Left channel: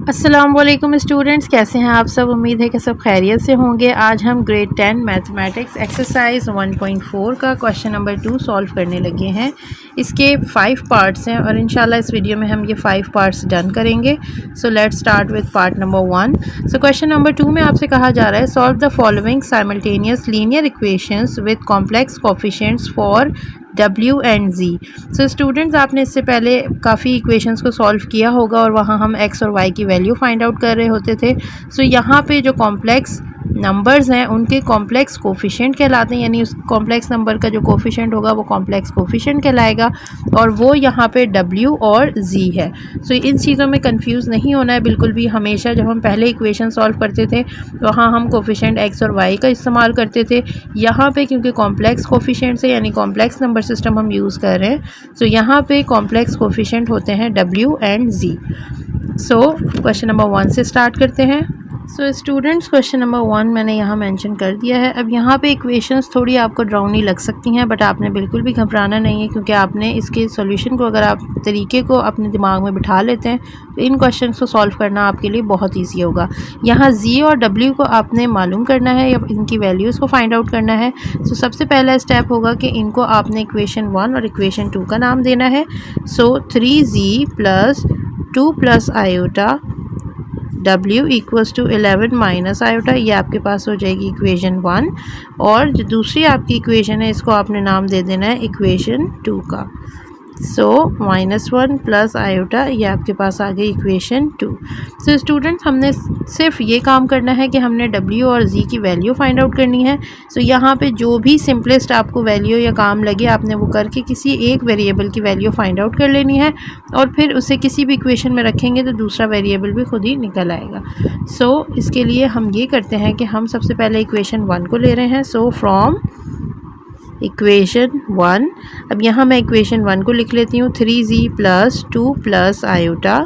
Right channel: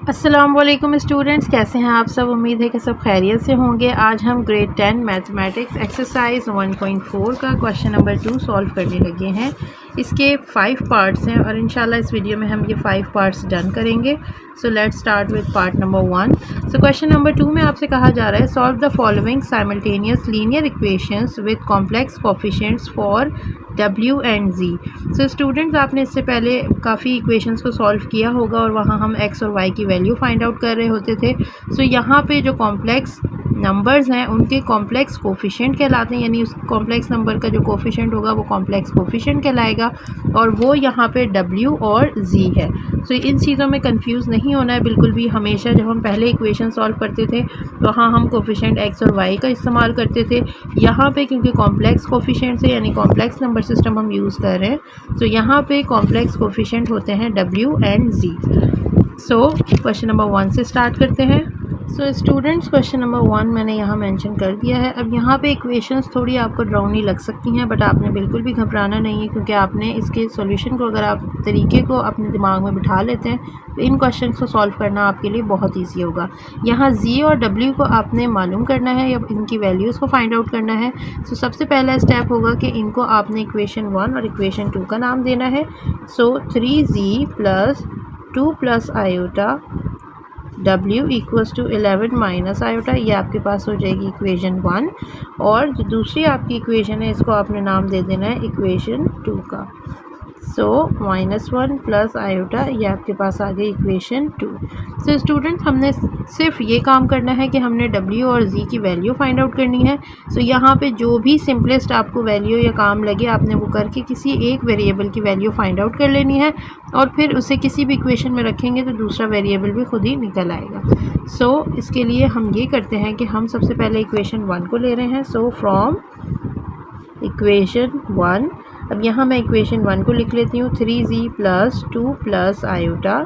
अस्सलाम वालेकुम स्टूडेंट्स, कैसे हैं आप सब। उम्मीद है कि सब खैरियत से होंगे। आज हम ग्रेड 10 मैथमेटिक्स एक्सरसाइज 1.4 का क्वेश्चन नंबर 2 सॉल्व करने लगे हैं। इसके 5 पार्ट्स हैं और इंशाल्लाह इस वीडियो में हम ये 5 पार्ट्स डन करेंगे। So let's start with part number 1। So question number 2 में आपसे कहा जा रहा है solve the following simultaneous linear equations with complex coefficients for W and Z। So students, आपने इससे पहले काफ़ी इक्वेशंस को सॉल्व किया होगा और वहाँ हम x और y की वैल्यू फाइंड आउट कर रहे होते थे। सो यहाँ पे जो कॉम्प्लेक्स नंबर्स हैं उनके कॉम्प्लेक्स कोफिशिएंट कहलाते हैं, यानी उस कॉम्प्लेक्स नंबर का जो कोफिशिएंट होगा वो कॉम्प्लेक्स कोफिशिएंट कहलाएगा और वो यहाँ पे W और Z है। सो इन चीज़ों में कंफ्यूज नहीं होना है बिल्कुल भी। हमेशा जब हम पहले इक्वेशन सॉल्व करते थे वहाँ हम कोफिशिएंट x और y का इस्तेमाल करते थे। यहाँ पे क्योंकि कॉम्प्लेक्स कोफिशिएंट है यानी कॉम्प्लेक्स नंबर सिस्टम हम यूज़ कर रहे हैं, सो यहाँ पे कॉम्प्लेक्स कोफिशिएंट होते हैं W and Z। So question number 1 से स्टार्ट करते हैं। सो स्टूडेंट्स, क्वेश्चन नंबर 1 मैंने यहाँ मेंशन कर दिया है। अब यहाँ पे इक्वेशंस थोड़ी आपको ड्राउनी लग सकती हैं, बट आपने बिल्कुल भी घबराना नहीं है क्योंकि आपने इसके सॉल्यूशन को, अगर आप तरीके को अपने दिमाग में बिठा लेते हैं तो इन क्वेश्चंस को सॉल्व करना आपके लिए बहुत ईजी होगा। यहाँ Z और W को आपने मालूम करना है या इनकी वैल्यूज़ को फाइंड आउट करना है। सो सबसे पहला स्टेप होगा कि इनको आपने इक्वेशन 1 और इक्वेशन 2 का नाम देना है। So 3Z plus 2 plus iota W equals to 11 minus iota, ये आपके पास हो जाएगी इक्वेशन 1। और जो दूसरी आपकी इक्वेशन है इसको आपने नाम दे देना है इक्वेशन 2 का। सो -1 प्लस आयोटा, ये आपके पास आ गई इक्वेशन 2। सो स्टूडेंट्स, हमने सिर्फ ये काम करना है कि हमने W और Z की वैल्यू फाइंड आउट करनी है। सो यहाँ पे जो भी सिंपलेस्ट आपको वैल्यू या काम लगे आपने वो करके किसी एक वेरिएबल की वैल्यू फाइंड आउट कर लेनी है और फिर उसे किसी भी इक्वेशन में रखेंगे तो दूसरा वेरिएबल भी खुद ही निकल आएगा। सो इसके लिए हम ये करते हैं कि हम सबसे पहले इक्वेशन 1 को ले रहे हैं। सो फ्रॉम इक्वेशन 1, अब यहाँ मैं इक्वेशन 1 को लिख लेती हूँ। 3Z plus 2 plus iota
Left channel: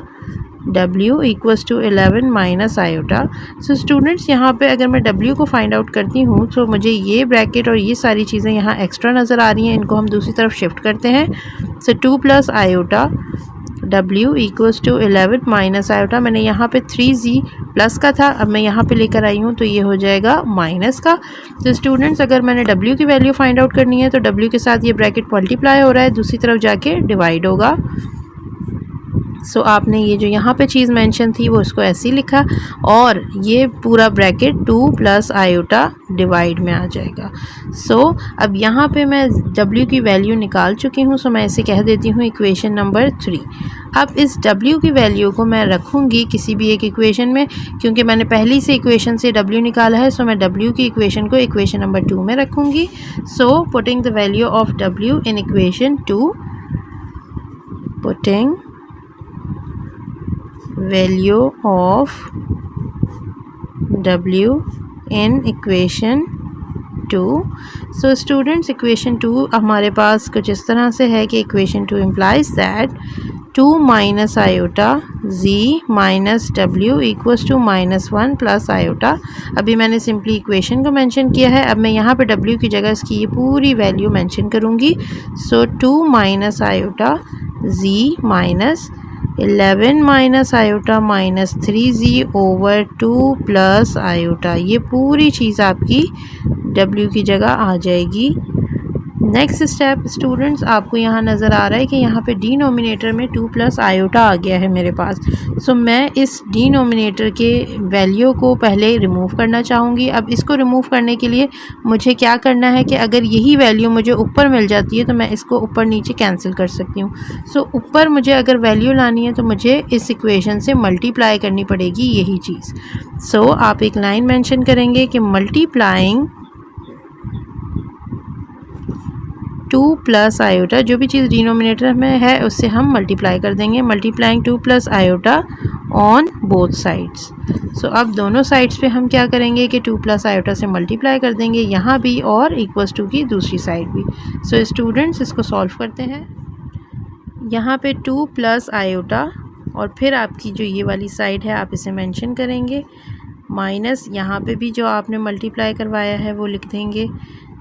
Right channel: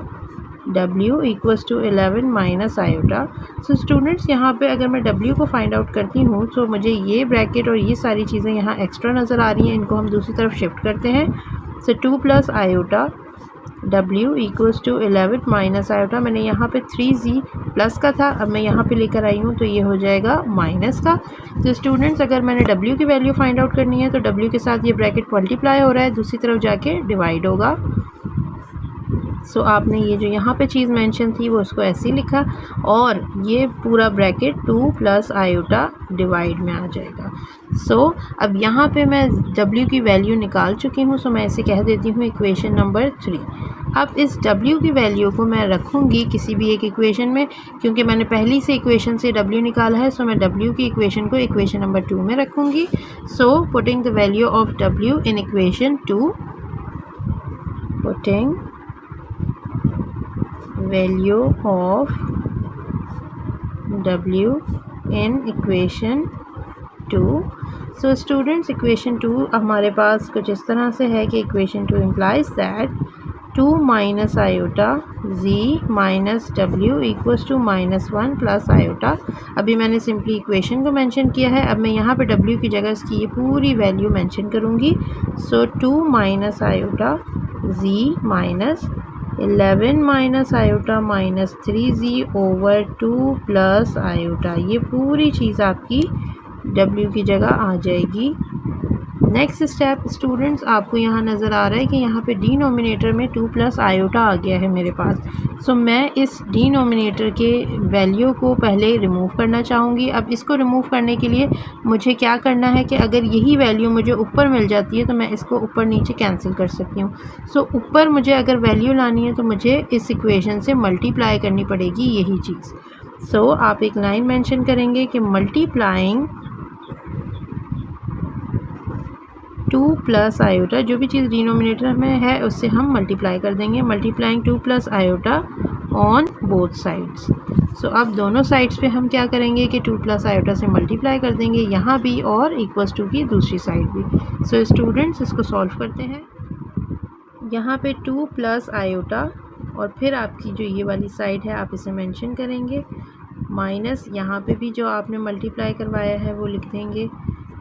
W equals to 11 minus iota. So students, यहाँ पे अगर मैं W को फाइंड आउट करती हूँ तो मुझे ये ब्रैकेट और ये सारी चीज़ें यहाँ एक्स्ट्रा नज़र आ रही हैं, इनको हम दूसरी तरफ शिफ्ट करते हैं। So 2 plus iota W equals to 11 minus iota, मैंने यहाँ पे 3Z प्लस का था, अब मैं यहाँ पे लेकर आई हूँ तो ये हो जाएगा माइनस का। तो स्टूडेंट्स, अगर मैंने W की वैल्यू फाइंड आउट करनी है तो W के साथ ये ब्रैकेट मल्टीप्लाई हो रहा है, दूसरी तरफ जाके डिवाइड होगा। सो आपने ये जो यहाँ पे चीज़ मेंशन थी वो उसको ऐसे ही लिखा और ये पूरा ब्रैकेट 2 प्लस आयोटा डिवाइड में आ जाएगा। सो अब यहाँ पे मैं W की वैल्यू निकाल चुकी हूँ, सो मैं इसे कह देती हूँ इक्वेशन नंबर 3। अब इस W की वैल्यू को मैं रखूँगी किसी भी एक इक्वेशन में, क्योंकि मैंने पहली से इक्वेशन से W निकाला है, सो मैं W की इक्वेशन को इक्वेशन नंबर 2 में रखूँगी। So putting the value of W in equation 2, putting value of W in equation 2। So students, equation 2 हमारे पास कुछ इस तरह से है कि equation 2 implies that 2 minus iota Z minus W equals to -1 plus iota. अभी मैंने सिंपली इक्वेशन को मेंशन किया है, अब मैं यहाँ पे W की जगह इसकी ये पूरी वैल्यू मेंशन करूँगी। सो 2 minus iota Z minus 11 minus iota minus 3Z over 2 plus iota, ये पूरी चीज़ आपकी W की जगह आ जाएगी। नेक्स्ट स्टेप स्टूडेंट्स, आपको यहाँ नज़र आ रहा है कि यहाँ पे डिनोमिनेटर में 2 प्लस आयोटा आ गया है मेरे पास। सो मैं इस डिनोमिनेटर के वैल्यू को पहले रिमूव करना चाहूँगी। अब इसको रिमूव करने के लिए मुझे क्या करना है कि अगर यही वैल्यू मुझे ऊपर मिल जाती है तो मैं इसको ऊपर नीचे कैंसिल कर सकती हूँ। सो ऊपर मुझे अगर वैल्यू लानी है तो मुझे इस इक्वेशन से मल्टीप्लाई करनी पड़ेगी यही चीज़। सो आप एक लाइन मेंशन करेंगे कि मल्टीप्लाइंग 2 प्लस आयोटा, जो भी चीज़ डिनोमिनेटर में है उससे हम मल्टीप्लाई कर देंगे। Multiplying 2 plus iota on both sides. So अब दोनों साइड्स पे हम क्या करेंगे कि 2 प्लस आयोटा से मल्टीप्लाई कर देंगे, यहाँ भी और इक्वल्स टू की दूसरी साइड भी। सो स्टूडेंट्स, इसको सॉल्व करते हैं। यहाँ पे 2 प्लस आयोटा और फिर आपकी जो ये वाली साइड है आप इसे मेंशन करेंगे, माइनस यहाँ पे भी जो आपने मल्टीप्लाई करवाया है वो लिख देंगे,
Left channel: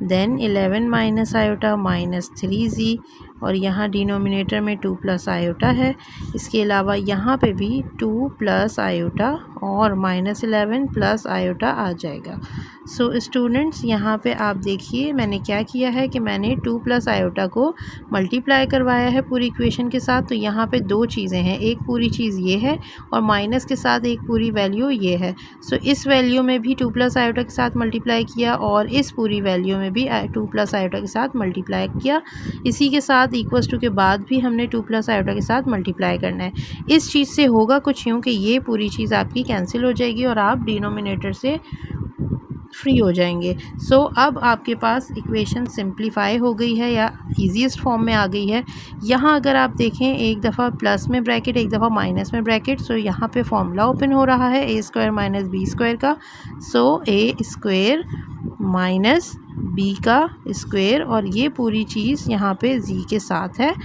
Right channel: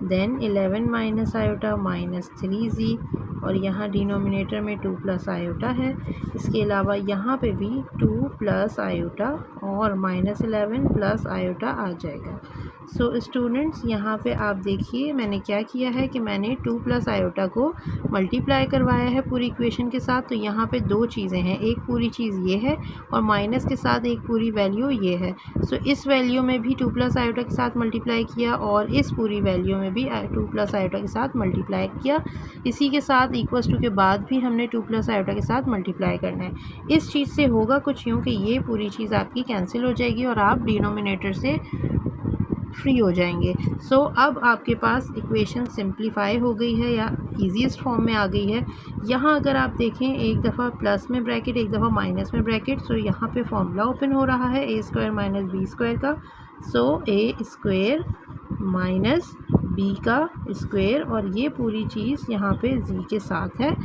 then 11 minus iota minus 3Z और यहाँ डिनोमिनेटर में 2 प्लस आयोटा है। इसके अलावा यहाँ पे भी 2 प्लस आयोटा और -11 प्लस आयोटा आ जाएगा। सो स्टूडेंट्स यहाँ पे आप देखिए मैंने क्या किया है कि मैंने 2 प्लस आयोटा को मल्टीप्लाई करवाया है पूरी इक्वेशन के साथ। तो यहाँ पे दो चीज़ें हैं, एक पूरी चीज़ ये है और माइनस के साथ एक पूरी वैल्यू ये है। सो इस वैल्यू में भी 2 प्लस आयोटा के साथ मल्टीप्लाई किया और इस पूरी वैल्यू में भी 2 प्लस आयोटा के साथ मल्टीप्लाई किया। इसी के साथ इक्वल्स टू के बाद भी हमने 2 प्लस आयोटा के साथ मल्टीप्लाई करना है। इस चीज़ से होगा कुछ यूँ कि ये पूरी चीज़ आपकी कैंसिल हो जाएगी और आप डिनोमिनेटर से फ्री हो जाएंगे। सो अब आपके पास इक्वेशन सिंप्लीफाई हो गई है या ईजीएस्ट फॉर्म में आ गई है। यहाँ अगर आप देखें एक दफ़ा प्लस में ब्रैकेट एक दफ़ा माइनस में ब्रैकेट। सो यहाँ पे फॉर्मूला ओपन हो रहा है a² माइनस b² का। सो a² माइनस b का स्क्वायर और ये पूरी चीज़ यहाँ पे z के साथ है।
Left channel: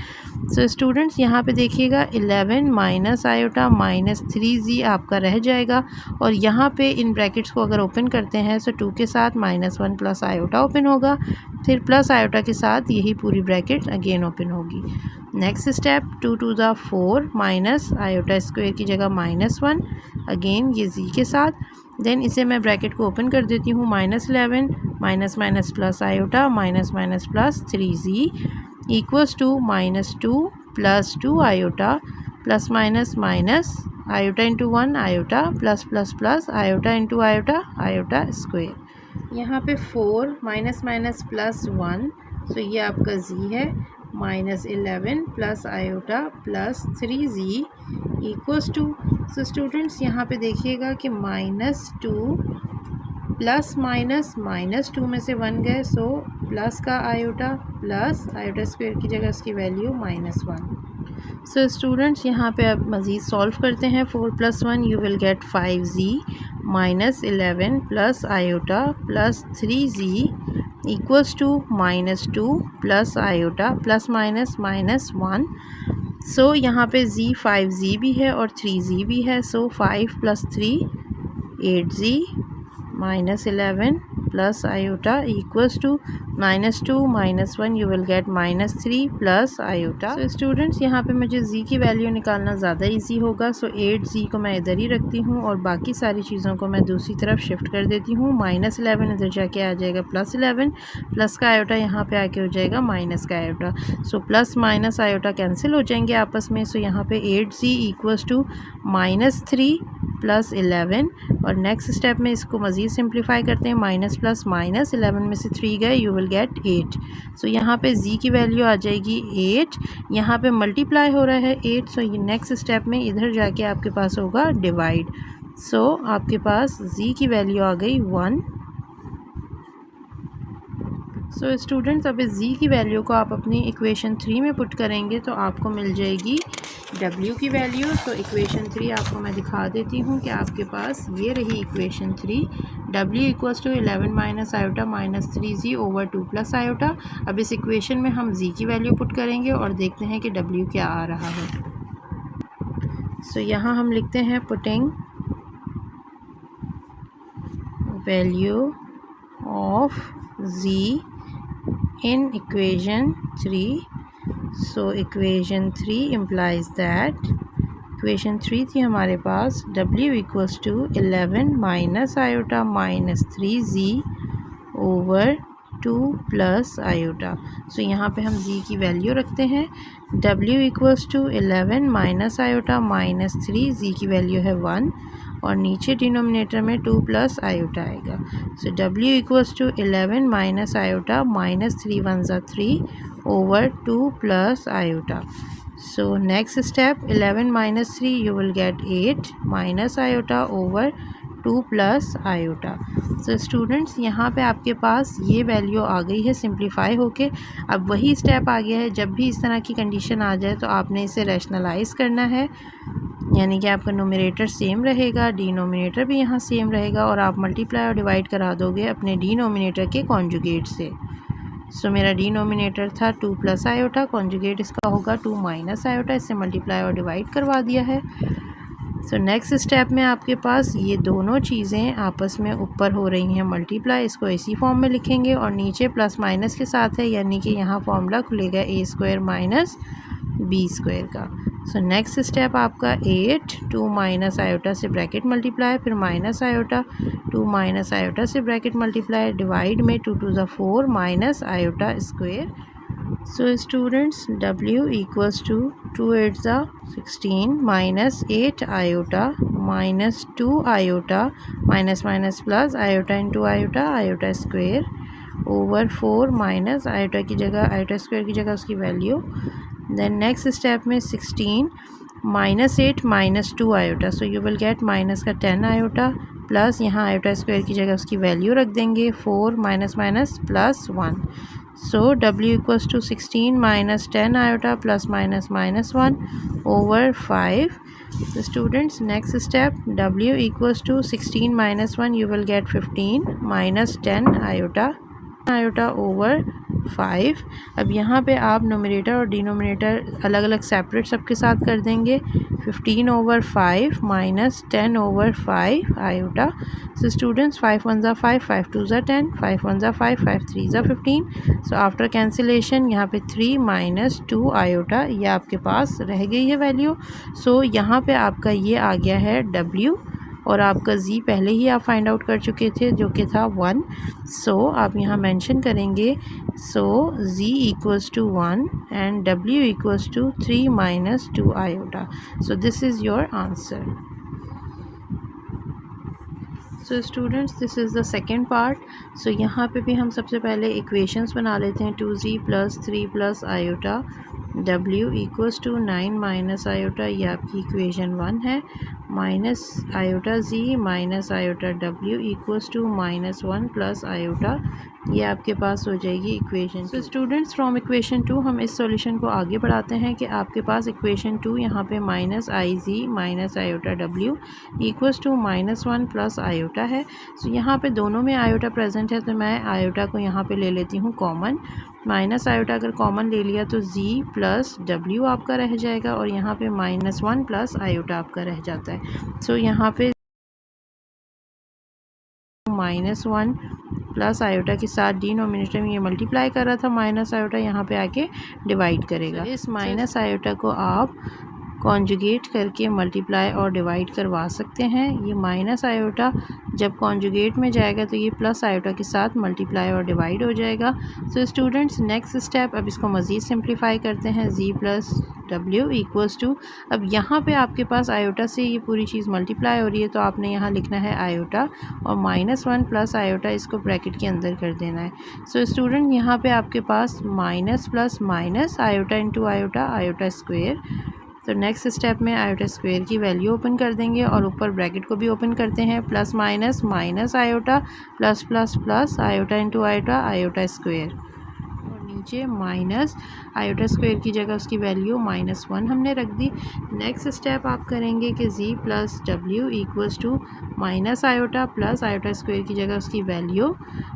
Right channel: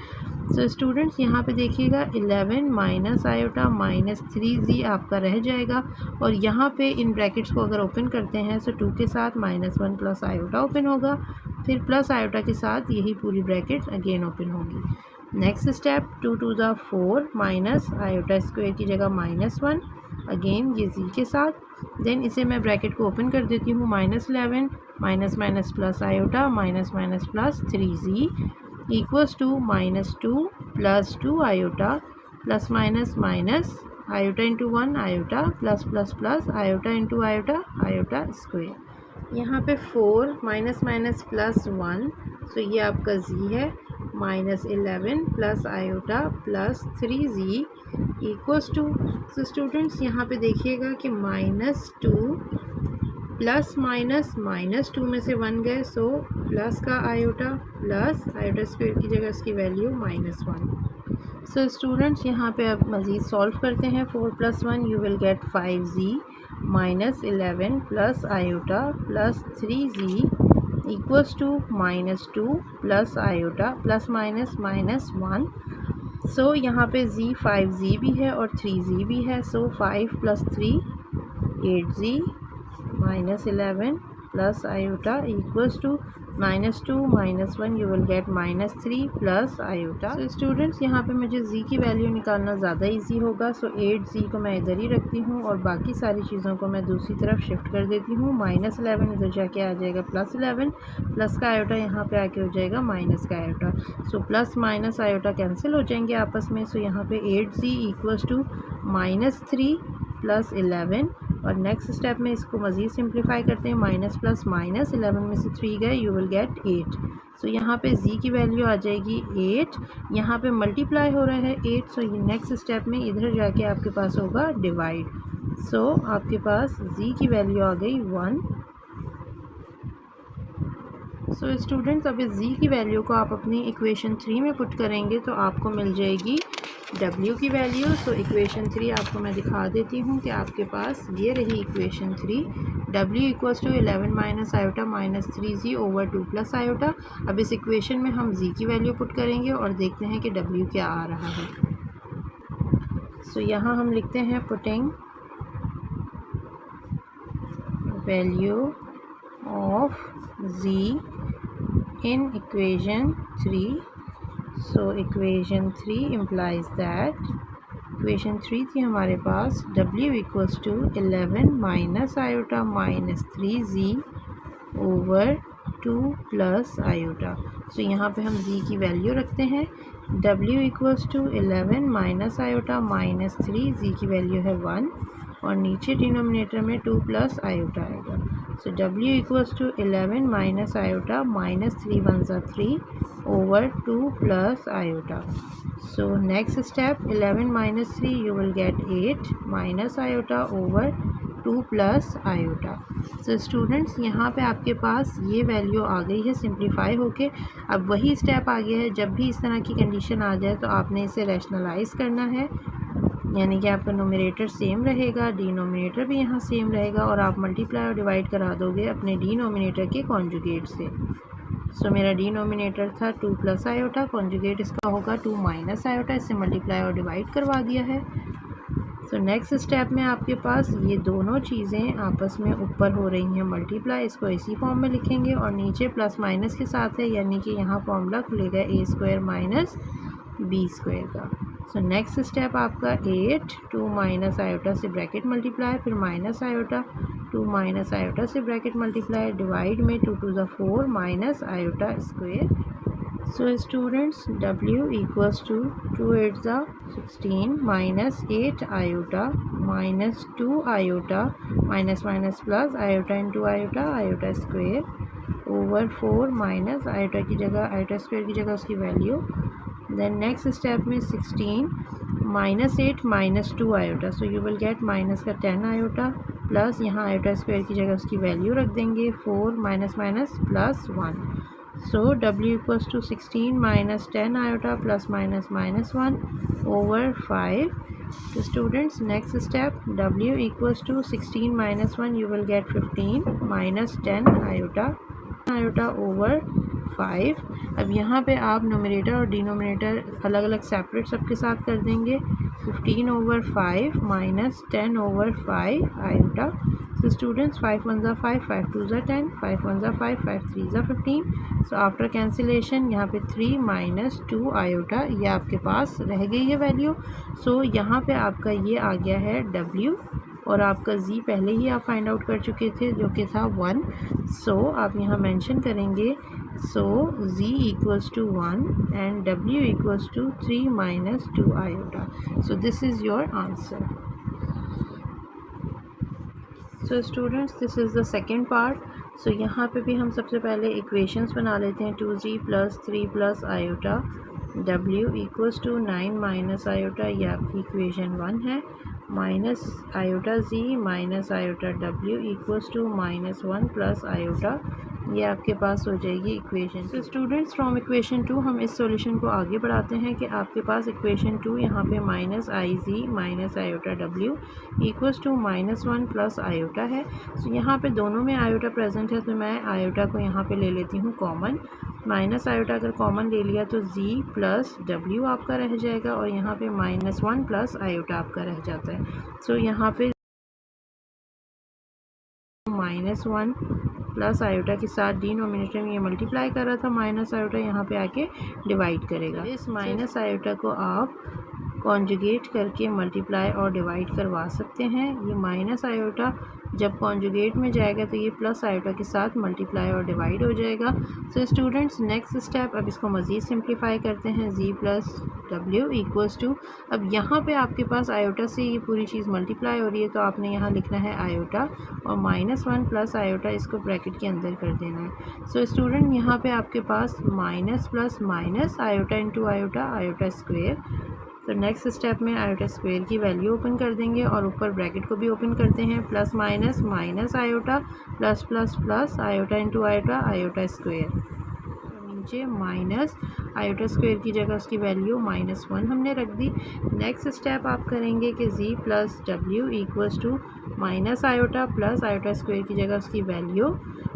सो स्टूडेंट्स यहाँ पे देखिएगा 11 माइनस आयोटा माइनस 3z आपका रह जाएगा और यहाँ पे इन ब्रैकेट्स को अगर ओपन करते हैं सो 2 के साथ -1 प्लस आयोटा ओपन होगा, फिर प्लस आयोटा के साथ यही पूरी ब्रैकेट अगेन ओपन होगी। Next step 2 to the 4 minus iota square की जगह -1 अगेन ये z के साथ। देन इसे मैं ब्रैकेट को ओपन कर देती हूँ -11 minus minus plus iota minus minus plus 3z equals to -2 plus 2 iota plus minus minus iota into 1 iota plus plus plus iota into iota iota square. यहाँ पे 4 माइनस माइनस प्लस 1 सो ये आपका z है -11 plus iota plus 3z equals to. So students यहाँ पे देखिएगा कि -2 plus minus -2 में से 1 गए सो प्लस का आयोटा प्लस आयोटा स्क्वायर की जगह इसकी वैल्यू -1। सो स्टूडेंट्स यहाँ पे अब मज़ीद सॉल्व करते हैं। 4 + 1 you will get 5z -11 plus iota plus 3z equals to -2 plus iota plus minus -1। So यहाँ पे z 5z भी है और 3z भी है। So 5 + 3 8z -11 plus iota equals to -2 -1 you will get -3 plus iota. So students यहाँ पे मुझे z की वैल्यू निकालना ज़्यादा इजी होगा। सो 8z को मैं इधर ही रखती हूँ और बाकी सारी चीज़ों को मैं दूसरी तरफ शिफ्ट कर देती हूँ। -11 इधर जाके आ जाएगा +11 प्लस का आयोटा यहाँ पे आके हो जाएगा माइनस का iota. So plus minus iota cancel हो जाएंगे आपस में। सो यहाँ पे 8z इक्वल्स टू -3 प्लस 11 और नेक्स्ट स्टेप में इसको मज़ीद सिंप्लीफाई करते हैं। माइनस प्लस माइनस 11 में से 3 गए यू विल गेट 8। सो यहाँ पे z की वैल्यू आ जाएगी 8। यहाँ पे मल्टीप्लाई हो रहा है 8। सो ये नेक्स्ट स्टेप में इधर जाके आपके पास होगा डिवाइड। सो आपके पास z की वैल्यू आ गई 1। सो स्टूडेंट्स अब इस z की वैल्यू को आप अपनी इक्वेशन 3 में पुट करेंगे तो आपको मिल जाएगी w की वैल्यू। सो इक्वेशन 3 आपको मैं दिखा देती हूँ कि आपके पास ये रही equation 3। w equals to 11 minus iota minus 3z over 2 plus iota. अब इस इक्वेशन में हम z की वैल्यू पुट करेंगे और देखते हैं कि w क्या आ रहा है। सो यहाँ हम लिखते हैं putting value of z in equation 3. So equation 3 implies that equation 3 थी हमारे पास w equals to 11 minus iota minus 3z over 2 plus iota. So यहाँ पे हम z की वैल्यू रखते हैं। w equals to 11 minus iota minus 3 z की वैल्यू है 1 और नीचे डिनोमिनेटर में 2 प्लस आयोटा आएगा। So w equals to 11 minus iota minus 3 1 ज़ा 3 over 2 plus iota. So next step 11 माइनस 3 you will get 8 minus iota over 2 plus iota. So students यहाँ पे आपके पास ये वैल्यू आ गई है सिंप्लीफाई होके। अब वही स्टेप आ गया है, जब भी इस तरह की कंडीशन आ जाए तो आपने इसे रैशनलाइज़ करना है, यानी कि आपका न्यूमरेटर सेम रहेगा, डिनोमिनेटर भी यहाँ सेम रहेगा और आप मल्टीप्लाई और डिवाइड करा दोगे अपने डिनोमिनेटर के कॉन्जुगेट से। सो मेरा डिनोमिनेटर था 2 प्लस आयोटा, कॉन्जुगेट इसका होगा 2 माइनस आयोटा। इससे मल्टीप्लाई और डिवाइड करवा दिया है। सो नेक्स्ट स्टेप में आपके पास ये दोनों चीज़ें आपस में ऊपर हो रही हैं मल्टीप्लाई, इसको इसी फॉर्म में लिखेंगे और नीचे प्लस माइनस के साथ है, यानी कि यहाँ फॉर्मूला खुलेगा a square minus b square का। सो नेक्स्ट स्टेप आपका 8 2 माइनस आयोटा से ब्रैकेट मल्टीप्लाई, फिर माइनस आयोटा 2 माइनस आयोटा से ब्रैकेट मल्टीप्लाई, डिवाइड में 2 2 4 minus iota square. So students w equals to 2 8 16 minus 8 iota minus 2 iota minus minus plus iota into iota iota square over 4 minus iota की जगह iota square की जगह उसकी value. Then next step में 16 minus 8 minus 2 iota, so you will get minus का 10 iota plus यहाँ iota square की जगह उसकी वैल्यू रख देंगे 4 minus minus plus 1। So w equals to 16 minus 10 iota plus minus minus 1 over 5. So students, next step, w equals to 16 minus 1, you will get 15 minus 10 iota over 5। अब यहाँ पे आप नोमिनेटर और डिनोमिनेटर अलग अलग सेपरेट सबके साथ कर देंगे। 15 over 5 minus 10 over 5 iota. So students 5 1 ज़ा 5 5 2 ज़ा 10 5 1 ज़ा 5 5 3 ज़ा 15। सो आफ्टर कैंसिलेशन यहाँ पे 3 माइनस 2 आयोटा ये आपके पास रह गई है वैल्यू। सो यहाँ पे आपका ये आ गया है w और आपका z पहले ही आप फाइंड आउट कर चुके थे जो कि था 1। सो आप यहाँ मेंशन करेंगे so z equals to 1 and w equals to 3 minus 2 iota. So this is your answer. So students, this is the second part. So यहाँ पे भी हम सबसे पहले इक्वेशंस बना लेते हैं। 2z plus 3 plus iota w equals to 9 minus iota, ये आपकी इक्वेशन 1 है। Minus iota z minus iota w equals to minus 1 plus iota, ये आपके पास हो जाएगी इक्वेशन। तो स्टूडेंट्स, फ्रॉम इक्वेशन 2 हम इस सॉल्यूशन को आगे बढ़ाते हैं कि आपके पास इक्वेशन 2 यहाँ पे minus i g minus iota w equals to minus 1 plus iota है। सो यहाँ पे दोनों में आयोटा प्रेजेंट है तो मैं आयोटा को यहाँ पे ले लेती हूँ कॉमन। माइनस आयोटा अगर कॉमन ले लिया तो z प्लस w आपका रह जाएगा और यहाँ पे माइनस 1 प्लस आयोटा आपका रह जाता है। सो यहाँ पे माइनस 1 प्लस आयोटा के साथ डिनोमिनेटर में ये मल्टीप्लाई कर रहा था, माइनस आयोटा यहाँ पे आके डिवाइड करेगा। इस माइनस आयोटा को आप कॉन्जुगेट करके मल्टीप्लाई और डिवाइड करवा सकते हैं। ये माइनस आयोटा जब कॉन्जुगेट में जाएगा तो ये प्लस आयोटा के साथ मल्टीप्लाई और डिवाइड हो जाएगा। सो स्टूडेंट्स, नेक्स्ट स्टेप, अब इसको मज़ीद सिंप्लीफाई करते हैं। z plus w equals to, अब यहाँ पे आपके पास आयोटा से ये पूरी चीज़ मल्टीप्लाई हो रही है तो आपने यहाँ लिखना है आयोटा और माइनस 1 प्लस आयोटा इसको ब्रैकेट के अंदर कर देना है। सो स्टूडेंट, यहाँ पे आपके पास minus plus minus iota into iota iota square. तो नेक्स्ट स्टेप में आयोटा स्क्वायर की वैल्यू ओपन कर देंगे और ऊपर ब्रैकेट को भी ओपन करते हैं। Plus minus minus iota plus plus plus iota into iota iota square और नीचे माइनस आयोटा स्क्वायर की जगह उसकी वैल्यू माइनस 1 हमने रख दी। नेक्स्ट स्टेप आप करेंगे कि z plus w equals to minus iota plus iota square की जगह उसकी वैल्यू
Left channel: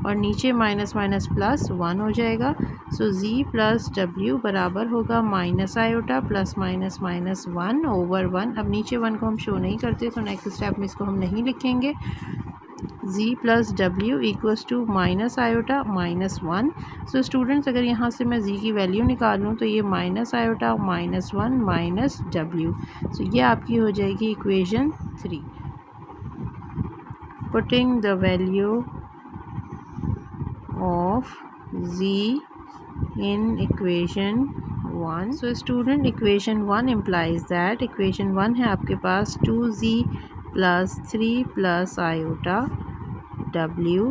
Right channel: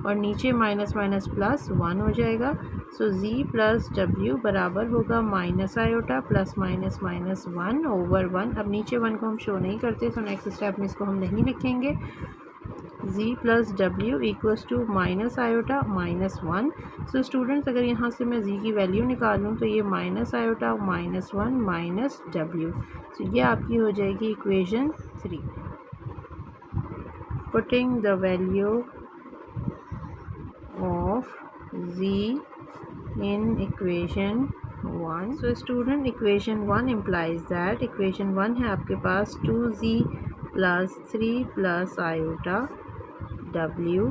और नीचे माइनस माइनस प्लस 1 हो जाएगा। सो z प्लस w बराबर होगा minus iota plus minus minus 1 over 1। अब नीचे 1 को हम शो नहीं करते तो नेक्स्ट स्टेप में इसको हम नहीं लिखेंगे। z plus w equals to minus iota minus 1। So students, अगर यहाँ से मैं z की वैल्यू निकालूँ तो ये minus iota minus 1 minus w। सो ये आपकी हो जाएगी equation 3। Putting the value of z in equation 1. So student, equation 1 implies that equation 1 है आपके पास 2z plus 3 plus iota w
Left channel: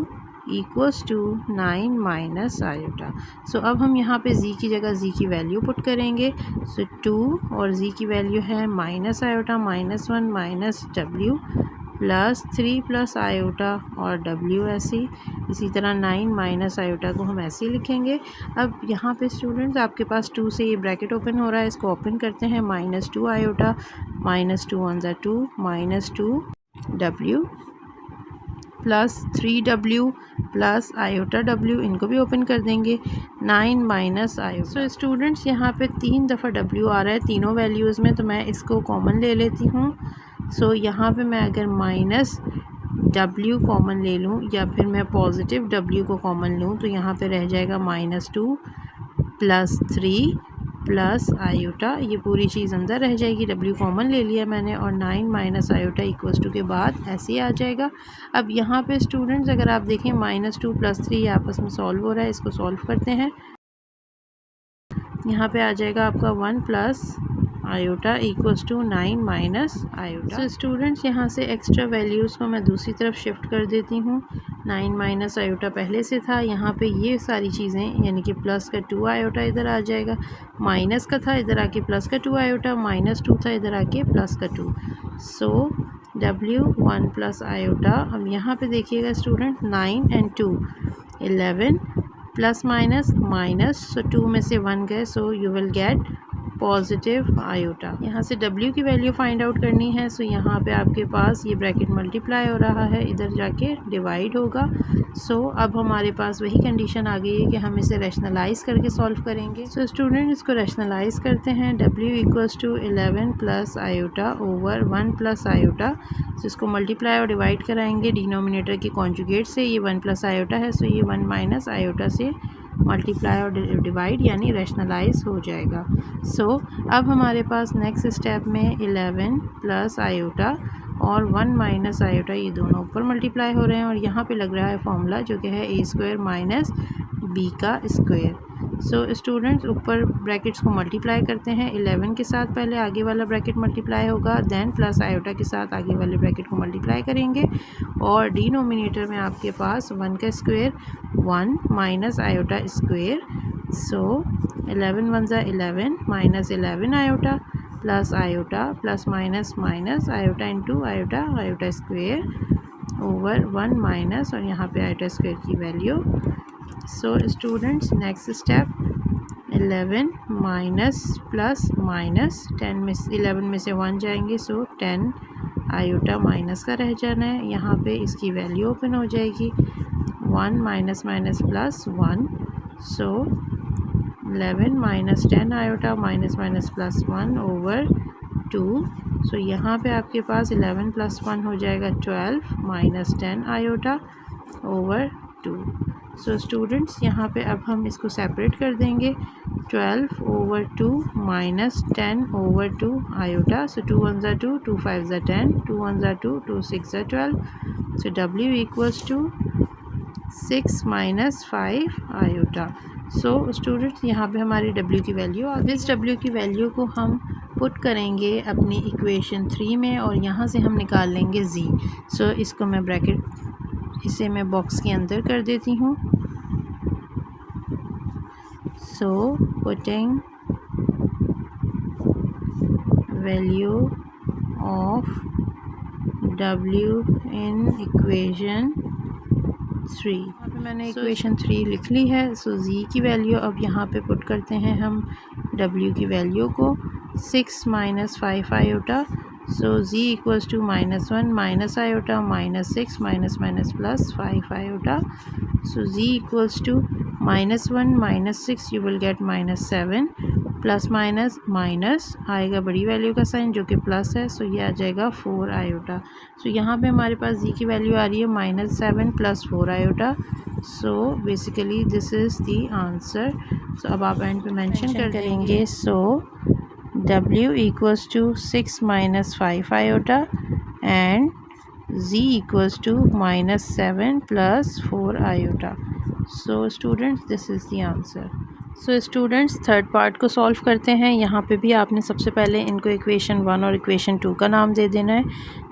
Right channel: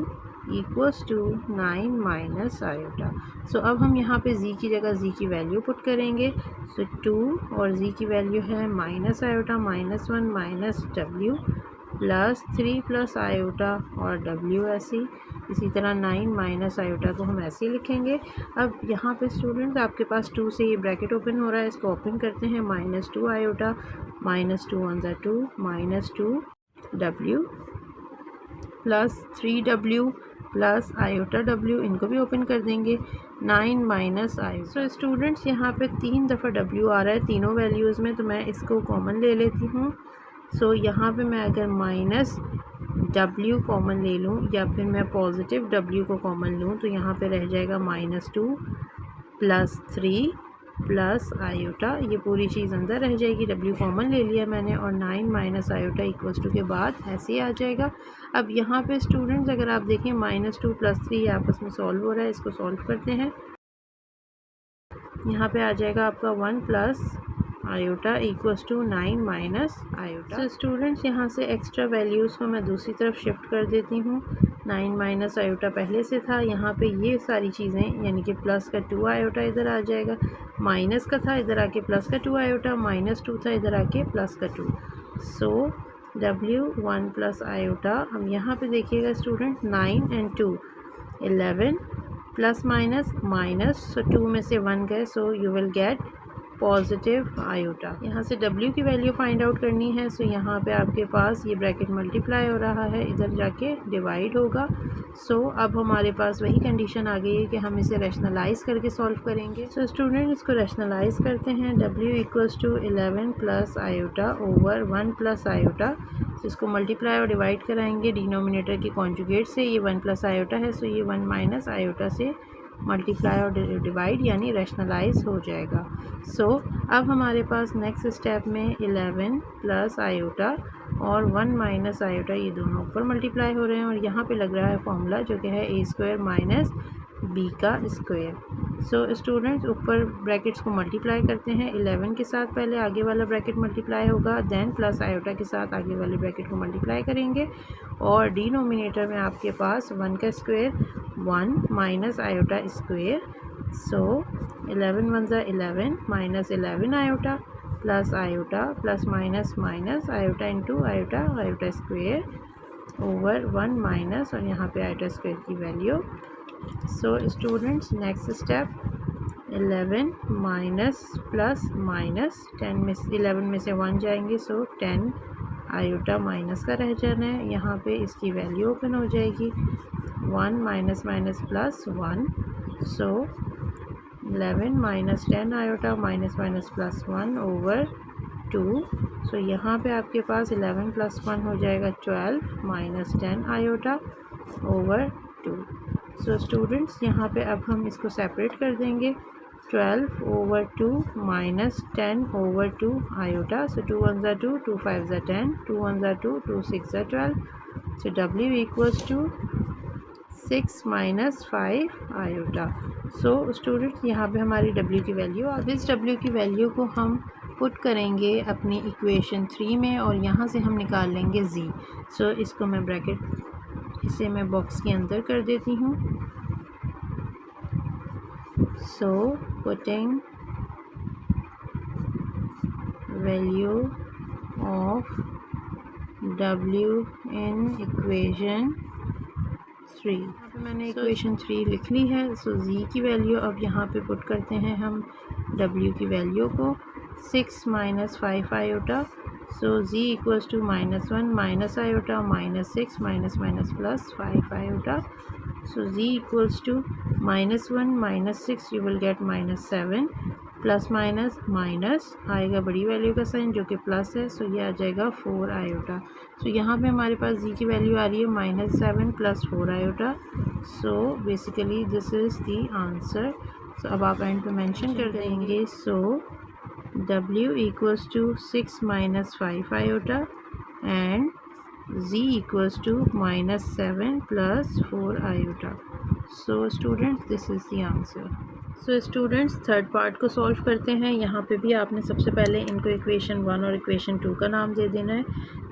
equals to 9 minus iota. So अब हम यहाँ पे z की जगह z की वैल्यू पुट करेंगे। सो 2 और z की वैल्यू है minus iota minus 1 minus w plus 3 plus iota और w ऐसे, इसी तरह 9 माइनस आयोटा को हम ऐसे लिखेंगे। अब यहाँ पे स्टूडेंट्स आपके पास 2 से ये ब्रैकेट ओपन हो रहा है, इसको ओपन करते हैं। माइनस 2 आयोटा माइनस 2 1 ज़ा 2 minus 2 w plus 3w plus iota w, इनको भी ओपन कर देंगे। 9 माइनस आयोटा। सो स्टूडेंट्स, यहाँ पे 3 दफ़ा w आ रहा है तीनों वैल्यूज़ में, तो मैं इसको कॉमन ले लेती हूँ। सो यहाँ पे मैं अगर माइनस w कॉमन ले लूँ या फिर मैं पॉजिटिव w को कॉमन लूँ तो यहाँ पे रह जाएगा -2 + 3 प्लस आयोटा, ये पूरी चीज़ अंदर रह जाएगी, w कॉमन ले लिया मैंने और 9 माइनस आयोटा इक्वल्स टू के बाद ऐसे ही आ जाएगा। अब यहाँ पे स्टूडेंट्स अगर आप देखें -2 + 3 आपस में सॉल्व हो रहा है, इसको सॉल्व करते हैं। यहाँ पे आ जाएगा आपका 1 plus iota equals to 9 minus iota. So students यहाँ से एक्स्ट्रा वैल्यूज़ को मैं दूसरी तरफ शिफ्ट कर देती हूँ। 9 माइनस आयोटा पहले से था, यहाँ पे ये सारी चीज़ें यानी कि प्लस का 2 आयोटा इधर आ जाएगा, माइनस का था इधर आके प्लस का 2 आयोटा, -2 था इधर आके प्लस का 2। So w 1 plus iota. अब यहाँ पे देखिएगा student 9 and 2 11 plus minus minus, so 2 में से 1 गए, so you will get positive iota. यहाँ से w की वैल्यू फाइंड आउट करनी है, सो यहाँ पे आपके पास ये ब्रैकेट मल्टीप्लाई हो रहा है, इधर जाके डिवाइड होगा। सो अब हमारे पास वही कंडीशन आ गई है कि हम इसे रैशनलाइज करके सॉल्व करेंगे। सो स्टूडेंट इसको रैशनलाइज करते हैं। w equals to 11 plus iota over 1 plus iota. So इसको मल्टीप्लाई और डिवाइड कराएंगे डिनोमिनेटर के कॉन्जुगेट से, ये 1 प्लस आयोटा है, सो ये 1 माइनस आयोटा से मल्टीप्लाई और डिवाइड यानी रैशनलाइज हो जाएगा। सो अब हमारे पास नेक्स्ट स्टेप में 11 प्लस आयोटा और 1 माइनस आयोटा, ये दोनों ऊपर मल्टीप्लाई हो रहे हैं और यहाँ पे लग रहा है फॉर्मूला जो कि है a² माइनस b का स्क्वायर। सो स्टूडेंट्स ऊपर ब्रैकेट्स को मल्टीप्लाई करते हैं। 11 के साथ पहले आगे वाला ब्रैकेट मल्टीप्लाई होगा, देन प्लस आयोटा के साथ आगे वाले ब्रैकेट को मल्टीप्लाई करेंगे और डिनोमिनेटर में आपके पास 1 का स्क्वायर 1 माइनस आयोटा स्क्वायर। सो 11 1 ज़ा 11 minus 11 iota plus iota plus minus minus iota into iota, iota square over 1 minus और यहाँ पे आयोटा स्क्वायर की value. So students next step 11 minus plus minus 10 में 11 में से 1 जाएंगे, सो 10 आयोटा माइनस का रह जाना है, यहाँ पे इसकी वैल्यू ओपन हो जाएगी 1 माइनस माइनस प्लस 1। सो 11 minus 10 iota minus minus plus 1 over 2। So यहाँ पे आपके पास 11 प्लस 1 हो जाएगा 12 minus 10 iota over 2। So students यहाँ पे अब हम इसको सेपरेट कर देंगे, 12 ओवर 2 माइनस 10 ओवर 2 आयोटा। सो 2 1 ज़ा 2, 2 5 ज़ा 10, 2 1 ज़ा 2, 2 6 ज़ा 12। So w equals to 6 minus 5 iota. So students यहाँ पे हमारी w की वैल्यू, और इस w की वैल्यू को हम पुट करेंगे अपनी इक्वेशन 3 में और यहाँ से हम निकाल लेंगे z। सो इसको मैं ब्रैकेट, इसे मैं बॉक्स के अंदर कर देती हूँ। So putting value of w in equation 3। मैंने इक्वेशन 3 लिख ली है। सो z की वैल्यू अब यहाँ पे पुट करते हैं हम w की वैल्यू को, 6 minus 5 iota. So z equals to -1 minus iota minus 6 minus minus plus 5 iota. So z equals to -1 minus 6 you will get -7 plus minus minus आएगा बड़ी वैल्यू का साइन जो कि प्लस है, सो ये आ जाएगा 4 आयोटा। सो यहाँ पे हमारे पास z की वैल्यू आ रही है -7 plus 4 iota. So basically this is the answer. So अब आप एंड पे मेंशन कर देंगे। So w equals to 6 minus 5 iota and z equals to -7 plus 4 iota. So students this is the answer. So students third part को solve करते हैं। यहाँ पे भी आपने सबसे पहले इनको इक्वेशन 1 और इक्वेशन 2 का नाम दे देना है।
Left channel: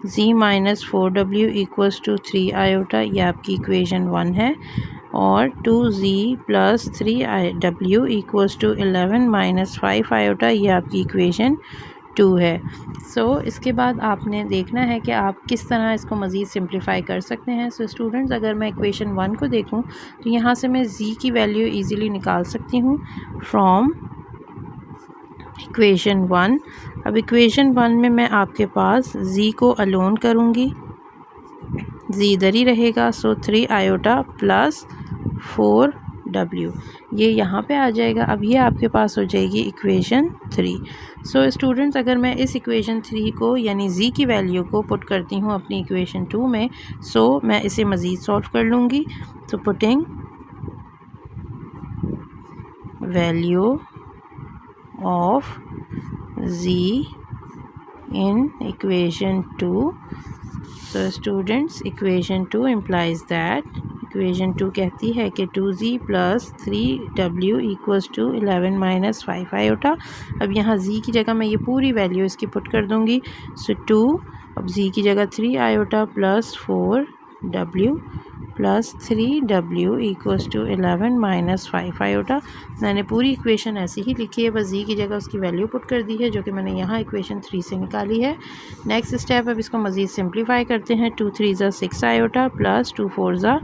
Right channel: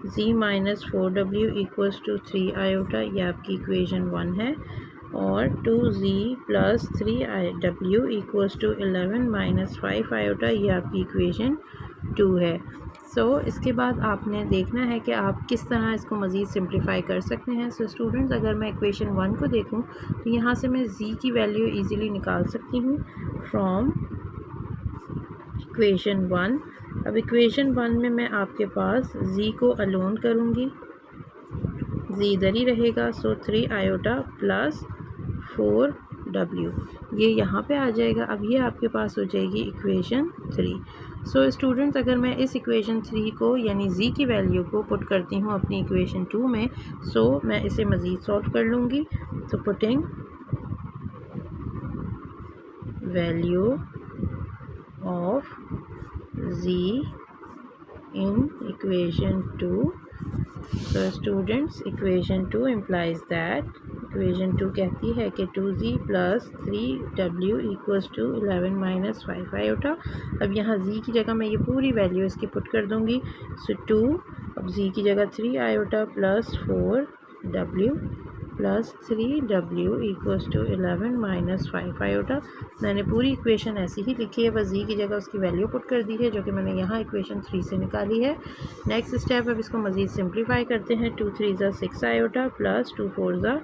z minus 4w equals to 3 iota, ये आपकी इक्वेशन 1 है, और 2z plus 3w equals to 11 minus 5 iota, ये आपकी इक्वेशन 2 है। सो इसके बाद आपने देखना है कि आप किस तरह इसको मज़ीद सिंप्लीफाई कर सकते हैं। सो स्टूडेंट्स अगर मैं इक्वेशन 1 को देखूं तो यहाँ से मैं z की वैल्यू इजीली निकाल सकती हूँ फ्रॉम इक्वेशन 1। अब इक्वेशन 1 में मैं आपके पास z को अलोन करूँगी, z इधर ही रहेगा। सो 3 आयोटा प्लस 4w ये यहाँ पे आ जाएगा। अब ये आपके पास हो जाएगी इक्वेशन 3। सो स्टूडेंट्स अगर मैं इस इक्वेशन 3 को यानी z की वैल्यू को पुट करती हूँ अपनी इक्वेशन 2 में, सो मैं इसे मज़ीद सॉल्व कर लूँगी। तो putting value of z in equation 2, so students equation 2 implies that equation 2 कहती है कि 2z plus 3w equals to 11 minus 5 iota. अब यहाँ z की जगह मैं ये पूरी वैल्यू इसकी पुट कर दूँगी। सो 2, अब z की जगह 3 iota plus 4w plus 3w equals to 11 minus 5 iota. मैंने पूरी इक्वेशन ऐसी ही लिखी है, बस z की जगह उसकी वैल्यू पुट कर दी है जो कि मैंने यहाँ इक्वेशन 3 से निकाली है। नेक्स्ट स्टेप, अब इसको मज़ीद सिंप्लीफाई करते हैं। 2 3 ज़ा 6 आयोटा प्लस 2 4 ज़ा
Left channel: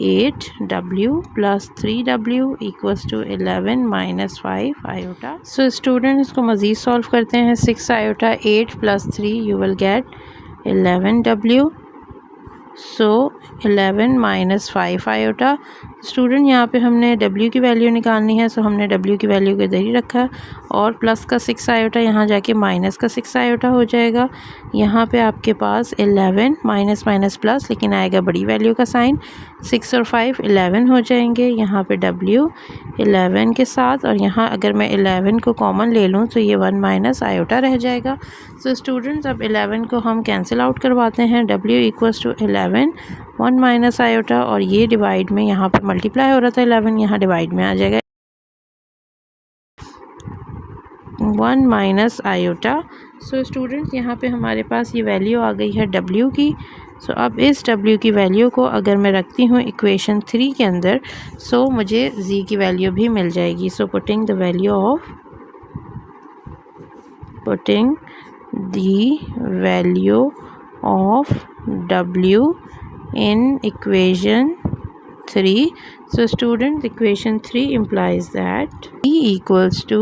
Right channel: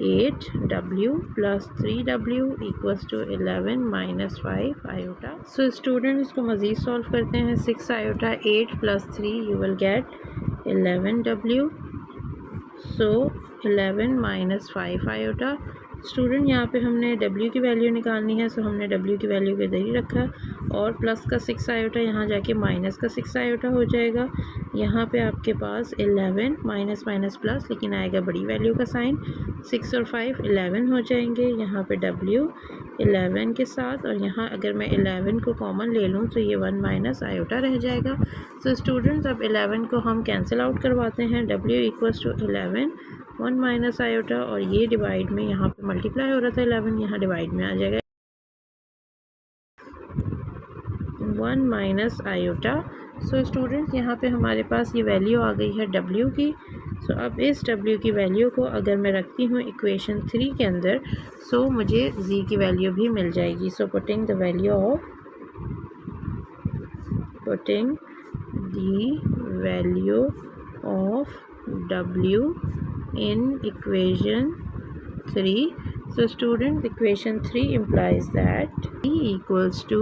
8w plus 3w equals to 11 minus 5 iota. So student इसको मज़ीद सॉल्व करते हैं। 6 iota 8 plus 3 you will get 11w। So 11 minus 5 iota. Student यहाँ पे हमने w की वैल्यू निकालनी है, सो हमने w की वैल्यू को इधर ही रखा और प्लस का 6 आयोटा यहाँ जाके माइनस का 6 आयोटा हो जाएगा। यहाँ पे आपके पास 11 माइनस माइनस प्लस, लेकिन आएगा बड़ी वैल्यू का साइन। 6 और 5 11 हो जाएंगे। यहाँ पे w 11 के साथ, और यहाँ अगर मैं 11 को कॉमन ले लूँ तो ये 1 माइनस आयोटा रह जाएगा। सो स्टूडेंट्स अब 11 को हम कैंसिल आउट करवाते हैं। w equals to 11 1 minus iota, और ये डिवाइड में यहाँ पर मल्टीप्लाई हो रहा था 11, यहाँ डिवाइड में आ जाएगा 1 माइनस आयोटा। सो स्टूडेंट्स यहाँ पे हमारे पास ये वैल्यू आ गई है w की। सो अब इस w की वैल्यू को अगर मैं रखती हूँ इक्वेशन 3 के अंदर, सो मुझे z की वैल्यू भी मिल जाएगी। सो putting the value of w in equation 3. So students, equation 3 implies that e equals to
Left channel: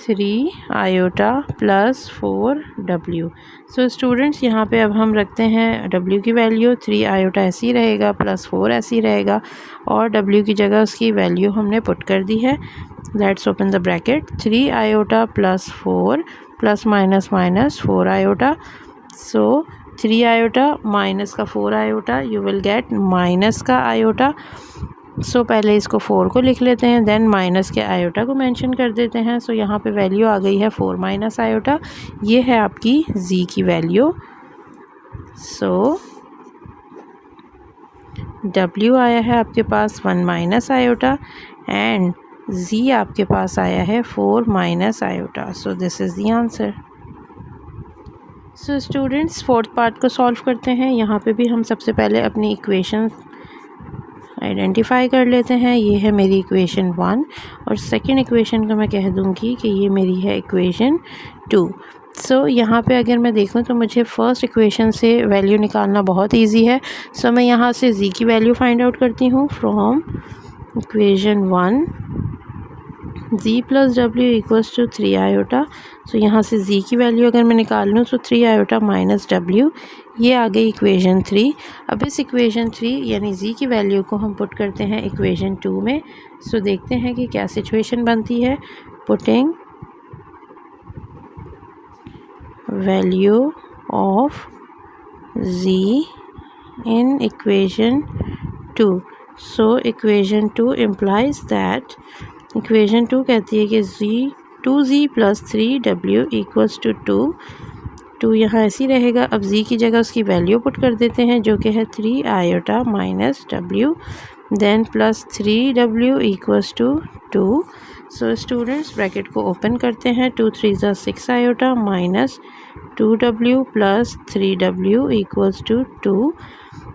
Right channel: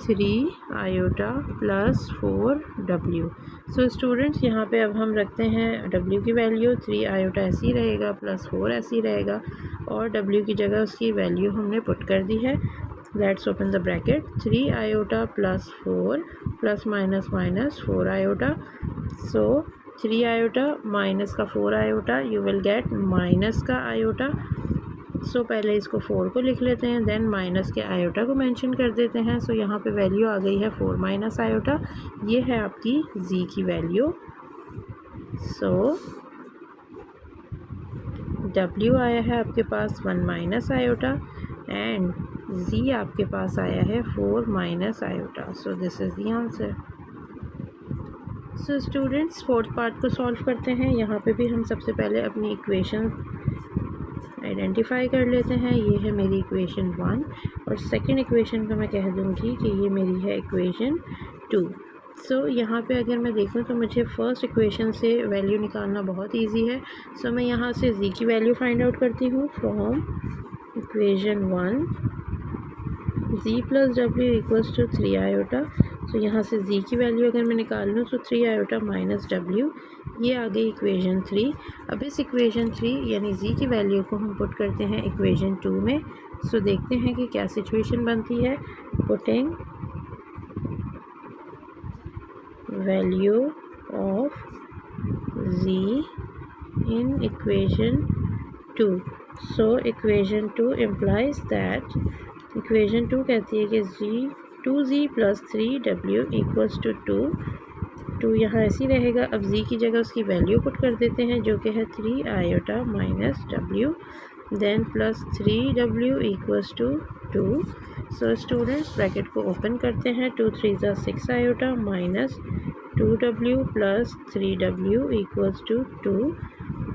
3 iota plus 4w. So students यहाँ पे अब हम रखते हैं w की वैल्यू। 3 आयोटा ऐसे ही रहेगा प्लस 4 ऐसे ही रहेगा, और w की जगह उसकी वैल्यू हमने पुट कर दी है। Let's open the bracket. 3 iota plus 4 plus minus minus 4 iota. So 3 iota minus का 4 iota, you will get minus का आयोटा। सो पहले इसको 4 को लिख लेते हैं, देन माइनस के आयोटा को मेंशन कर देते हैं। सो यहाँ पे वैल्यू आ गई है 4 माइनस आयोटा। ये है आपकी z की वैल्यू। सो w आया है आपके पास 1 माइनस आयोटा एंड z आपके पास आया है 4 minus iota. So this is the answer. So students fourth part को सॉल्व करते हैं। यहाँ पे भी हम सबसे पहले अपनी इक्वेशन आइडेंटिफाई कर लेते हैं। ये है मेरी इक्वेशन 1, और सेकंड इक्वेशन को मैं कह दूँगी कि ये मेरी है इक्वेशन 2। सो यहाँ पे अगर मैं देखूँ तो मुझे फर्स्ट इक्वेशन से वैल्यू निकालना बहुत इजी है। सो मैं यहाँ से z की वैल्यू फाइंड आउट करती हूँ from equation 1। z plus w equals to 3 iota. So यहाँ से z की वैल्यू अगर मैं निकाल लूँ तो 3 आयोटा माइनस w, ये आ गई इक्वेशन 3। अब इस इक्वेशन 3 यानी z की वैल्यू को हम पुट करते हैं इक्वेशन 2 में। सो देखते हैं कि क्या सिचुएशन बनती है। Putting value of z in equation 2। So equation 2 implies that, equation 2 कहती है कि 2z plus 3w equals to 2 यहाँ ऐसी रहेगा। अब z की जगह उसकी वैल्यू पुट कर देते हैं जो कि है 3 iota minus w, then plus 3w equals to 2। So students bracket को ओपन करते हैं। 2 3 ज़ा 6 iota minus 2w plus 3w equals to 2।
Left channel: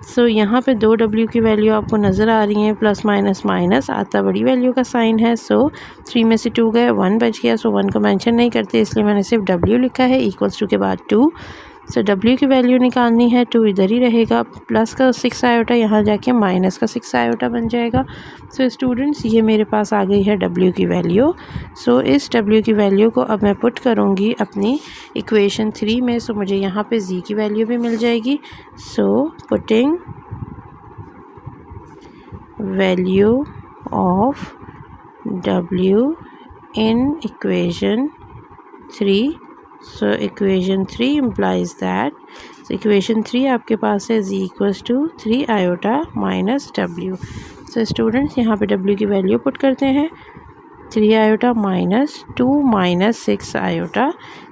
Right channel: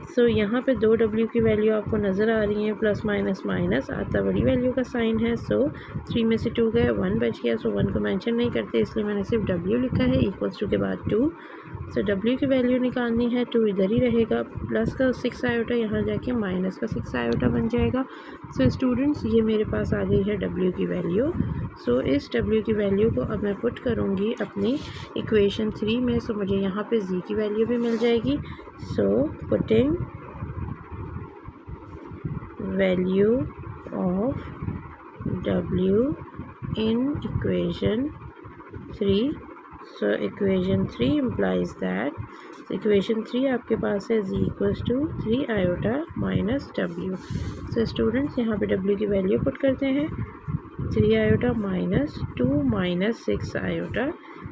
So यहाँ पे 2w की वैल्यू आपको नज़र आ रही है, प्लस माइनस माइनस आता बड़ी वैल्यू का साइन है। सो 3 में से 2 गए, 1 बच गया। सो 1 को मेंशन नहीं करते, इसलिए मैंने सिर्फ w लिखा है इक्वल्स टू के बाद 2। सो w की वैल्यू निकालनी है, 2 इधर ही रहेगा, प्लस का 6 आयोटा यहाँ जाके माइनस का 6 आयोटा बन जाएगा। सो स्टूडेंट्स ये मेरे पास आ गई है w की वैल्यू। सो इस w की वैल्यू को अब मैं पुट करूँगी अपनी इक्वेशन 3 में। सो मुझे यहाँ पे z की वैल्यू भी मिल जाएगी। So putting value of w in equation 3. So equation 3 implies that, so equation 3 आपके पास है z equals to 3 iota minus w. So students यहाँ पे w की वैल्यू पुट करते हैं, 3 iota minus 2 minus 6 iota.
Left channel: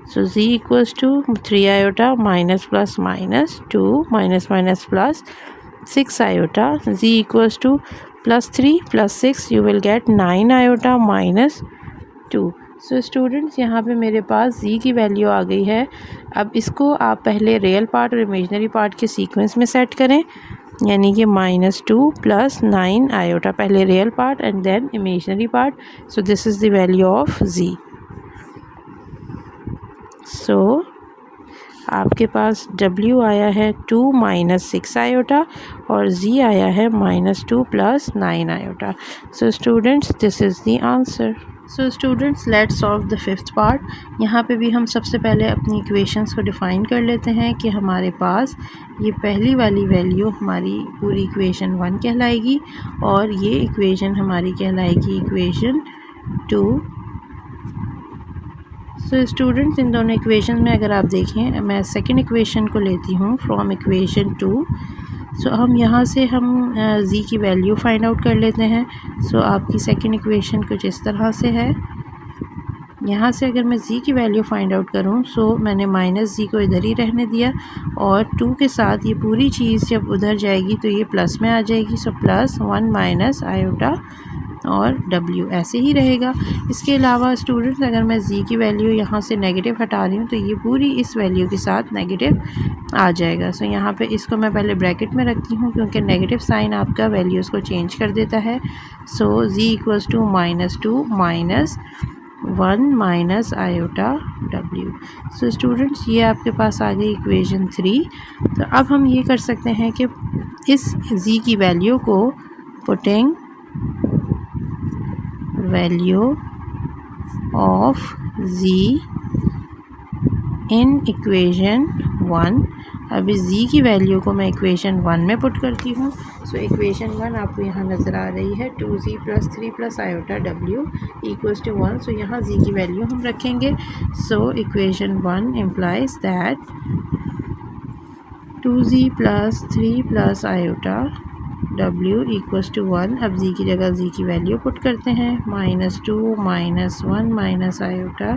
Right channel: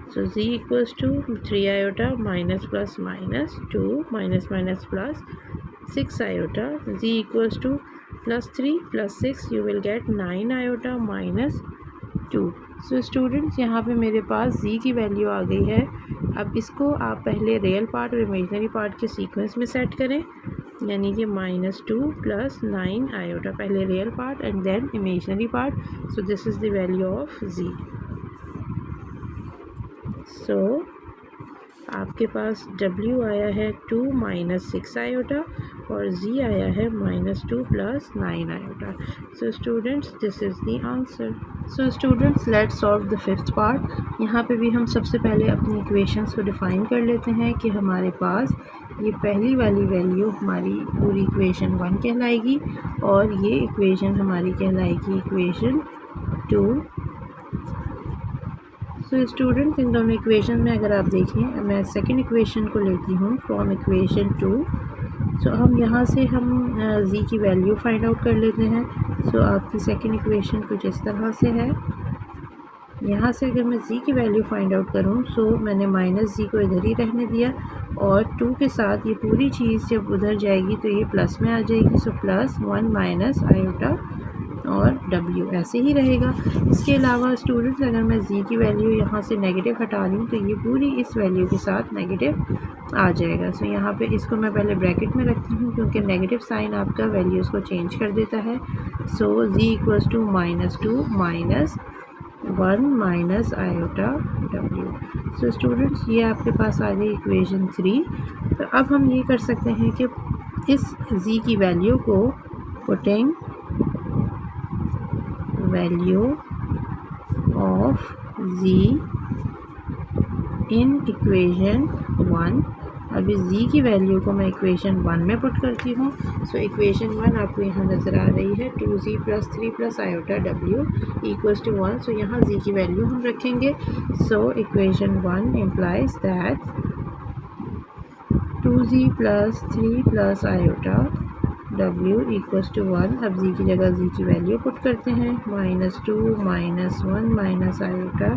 So z equals to 3 iota minus plus minus 2 minus minus plus 6 iota. Z equals to plus 3 plus 6, you will get 9 iota minus 2. So students यहाँ पे मेरे पास z की value आ गई है. अब इसको आप पहले रियल पार्ट और इमेजनरी पार्ट के सीक्वेंस में सेट करें, यानी कि -2 प्लस 9 आयोटा, पहले real part and then imaginary part. So this is the value of z. So आपके पास w आया है 2 माइनस 6 आयोटा और z आया है -2 plus 9 iota. So students this is the answer. So students let's solve the fifth part. यहाँ पे भी हम सबसे पहले अपनी इक्वेशंस को डिफ़ाइन कर लेते हैं कि हमारे पास ये पहली वाली वैल्यू हमारी पूरी इक्वेशन 1 कहलाएगी और ये इक्वेशन हमारी कहलाएगी इक्वेशन 2. सो स्टूडेंट्स इन दोनों इक्वेशन में अगर आप देखें, मैं सेकंड इक्वेशन को लेती हूँ फ्रॉम इक्वेशन 2. सो हम यहाँ से हम z की वैल्यू फाइंड आउट कर लेते हैं. सो आपकी सेकंड इक्वेशन कुछ इस तरह से है. यहाँ से अगर मैं z की वैल्यू फाइंड आउट करूँ, सो मैंने माइनस z को इधर ही रहने दिया और 2 के साथ ये पूरी चीज़ जब उधर जाएगी तो ये प्लस में आ जाएगी. सो प्लस 1 माइनस आयोटा और w ऐसे ही रहेगा. इसके अलावा स्टूडेंट्स अगर मैं z की वैल्यू यहाँ से नेगेटिव हटा रही हूँ तो ये पूरी इस वैल्यू के साथ नेगेटिव आ जाएगा. सो यहाँ पे इसको मैं पहले ब्रैकेट में रखती हूँ क्योंकि नेगेटिव साइन आपका वैल्यूज़ को चेंज कर देता है. So z equals to -2 minus 1 minus iota w. So students ये आपके पास आ गई इक्वेशन 3. तो अब हम ये कर सकते हैं कि इस z की वैल्यू को putting value of z in equation 1. अब इस z की वैल्यू को मैं इक्वेशन 1 में पुट करती हूँ. सो इक्वेशन 1 आपको यहाँ नज़र आ रही है 2z plus 3 plus iota w equals to 1. So यहाँ z की वैल्यू हम रखेंगे. So equation 1 implies that 2z plus 3 plus iota w equals to 1. अब z की जगह z की वैल्यू पुट करते हैं, -2 माइनस 1 माइनस आयोटा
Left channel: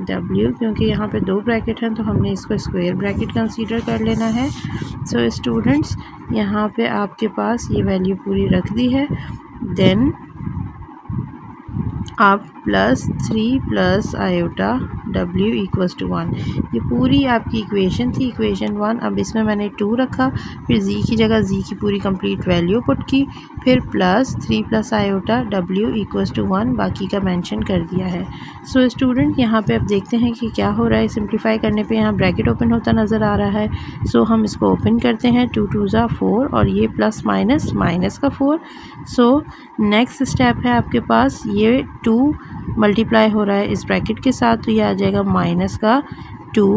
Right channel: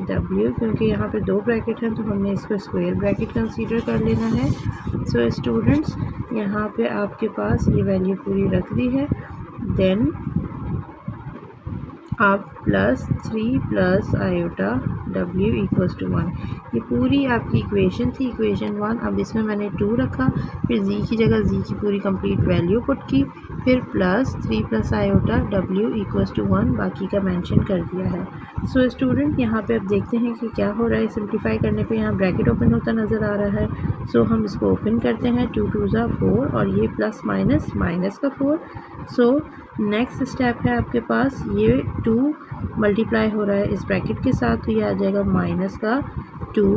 w. क्योंकि यहाँ पे 2 ब्रैकेट हैं तो हमने इसको स्क्वायर ब्रैकेट कंसीडर कर लेना है. सो स्टूडेंट्स यहाँ पे आपके पास ये वैल्यू पूरी रख दी है. देन आप plus 3 plus iota w equals to 1. ये पूरी आपकी इक्वेशन थी, इक्वेशन 1. अब इसमें मैंने 2 रखा, फिर z की जगह z की पूरी कंप्लीट वैल्यू पुट की, फिर plus 3 plus iota w equals to 1 बाकी का मेंशन कर दिया है. सो स्टूडेंट यहाँ पे अब देखते हैं कि क्या हो रहा है. सिंप्लीफाई करने पे यहाँ ब्रैकेट ओपन होता नज़र आ रहा है. सो हम इसको ओपन करते हैं, 2 2 ज़ा 4 और ये प्लस माइनस माइनस का 4. सो नेक्स्ट स्टेप है आपके पास, ये 2 मल्टीप्लाई हो रहा है इस ब्रैकेट के साथ तो ये आ जाएगा माइनस का 2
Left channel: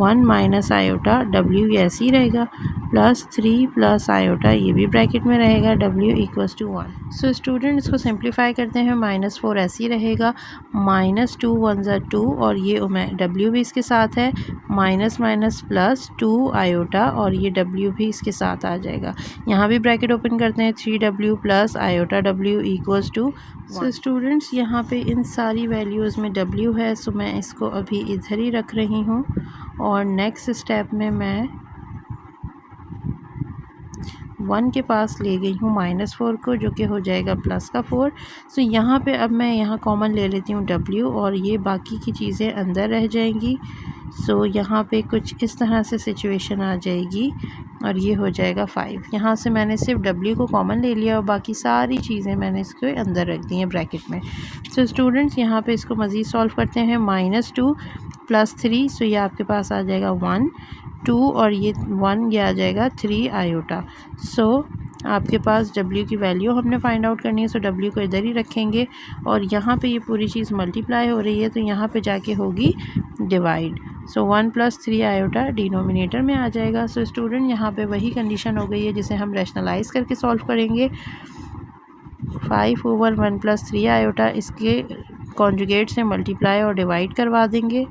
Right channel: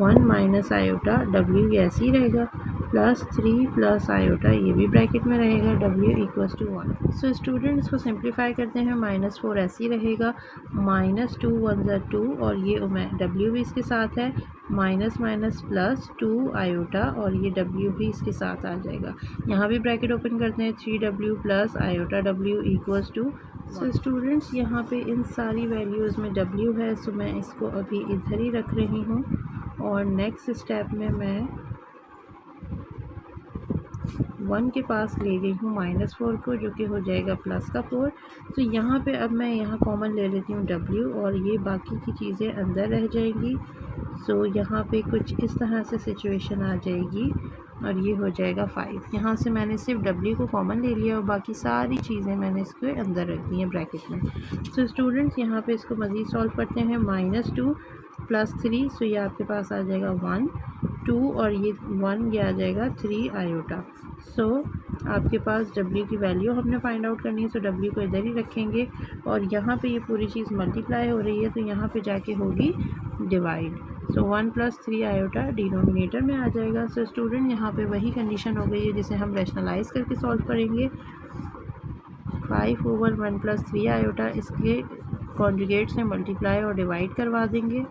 1 माइनस आयोटा w ये ऐसे ही रहेगा, प्लस 3 प्लस आयोटा ये भी ब्रैकेट में रहेगा w equals to 1. So student इसको सिंप्लीफाई करते हैं, -4 ऐसे ही रहेगा, -2 1 ज़ा 2 और ये w भी इसके साथ है, माइनस माइनस प्लस 2 आयोटा और ये w भी इसके साथ आ जाएगा. यहाँ भी ब्रैकेट ओपन करते हैं, 3w plus iota w equals to. So students यहाँ पे इन सारी वैल्यूज़ में w है, सो मैं इसको अभी इधर ही रख रही हूँ और नेक्स्ट स्टेप में मैं 1 के पास ले गई हूँ -4 को, जो कि हो जाएगा प्लस का 4. सो यहाँ पे अब मैं यहाँ कॉमन ले लेती हूँ w और ये बाकी की चीज़ें अंदर रह जाएंगी. सो यहाँ पे कुछ इस तरह से सिचुएशन आ जाएगी और ये हो जाएगा 5. यहाँ से मैंने सिर्फ w को कॉमन ले लिया और बाकी सारी चीज़ें मैंने इसके अंदर रख दी हैं ब्रैकेट में. सो स्टूडेंट्स यहाँ पे इसको मज़ीद सॉल्व करते हैं, -2 प्लस 3. सो ये आपके पास आ जाएगा 1 2 और ये 1 ये आ जाएगा 3 आयोटा. सो आपके पास w की वैल्यू हमने फाइंड आउट करनी है. सो w को इधर ही रखेंगे और यहाँ पे ये पूरी चीज़ मल्टीप्लाई हो रही है तो यहाँ पे जाके होगी डिवाइड. सो 1 प्लस 3 आयोटा डिनोमिनेटर में आ जाएगा. सो स्टूडेंट यहाँ पे वही कंडीशन हो गई है जिसे हम रैशनलाइज़ करके सॉल्व करेंगे. 5/1 प्लस 3 आयोटा इसके कॉन्जुगेट से मल्टीप्लाई और डिवाइड करवा देंगे।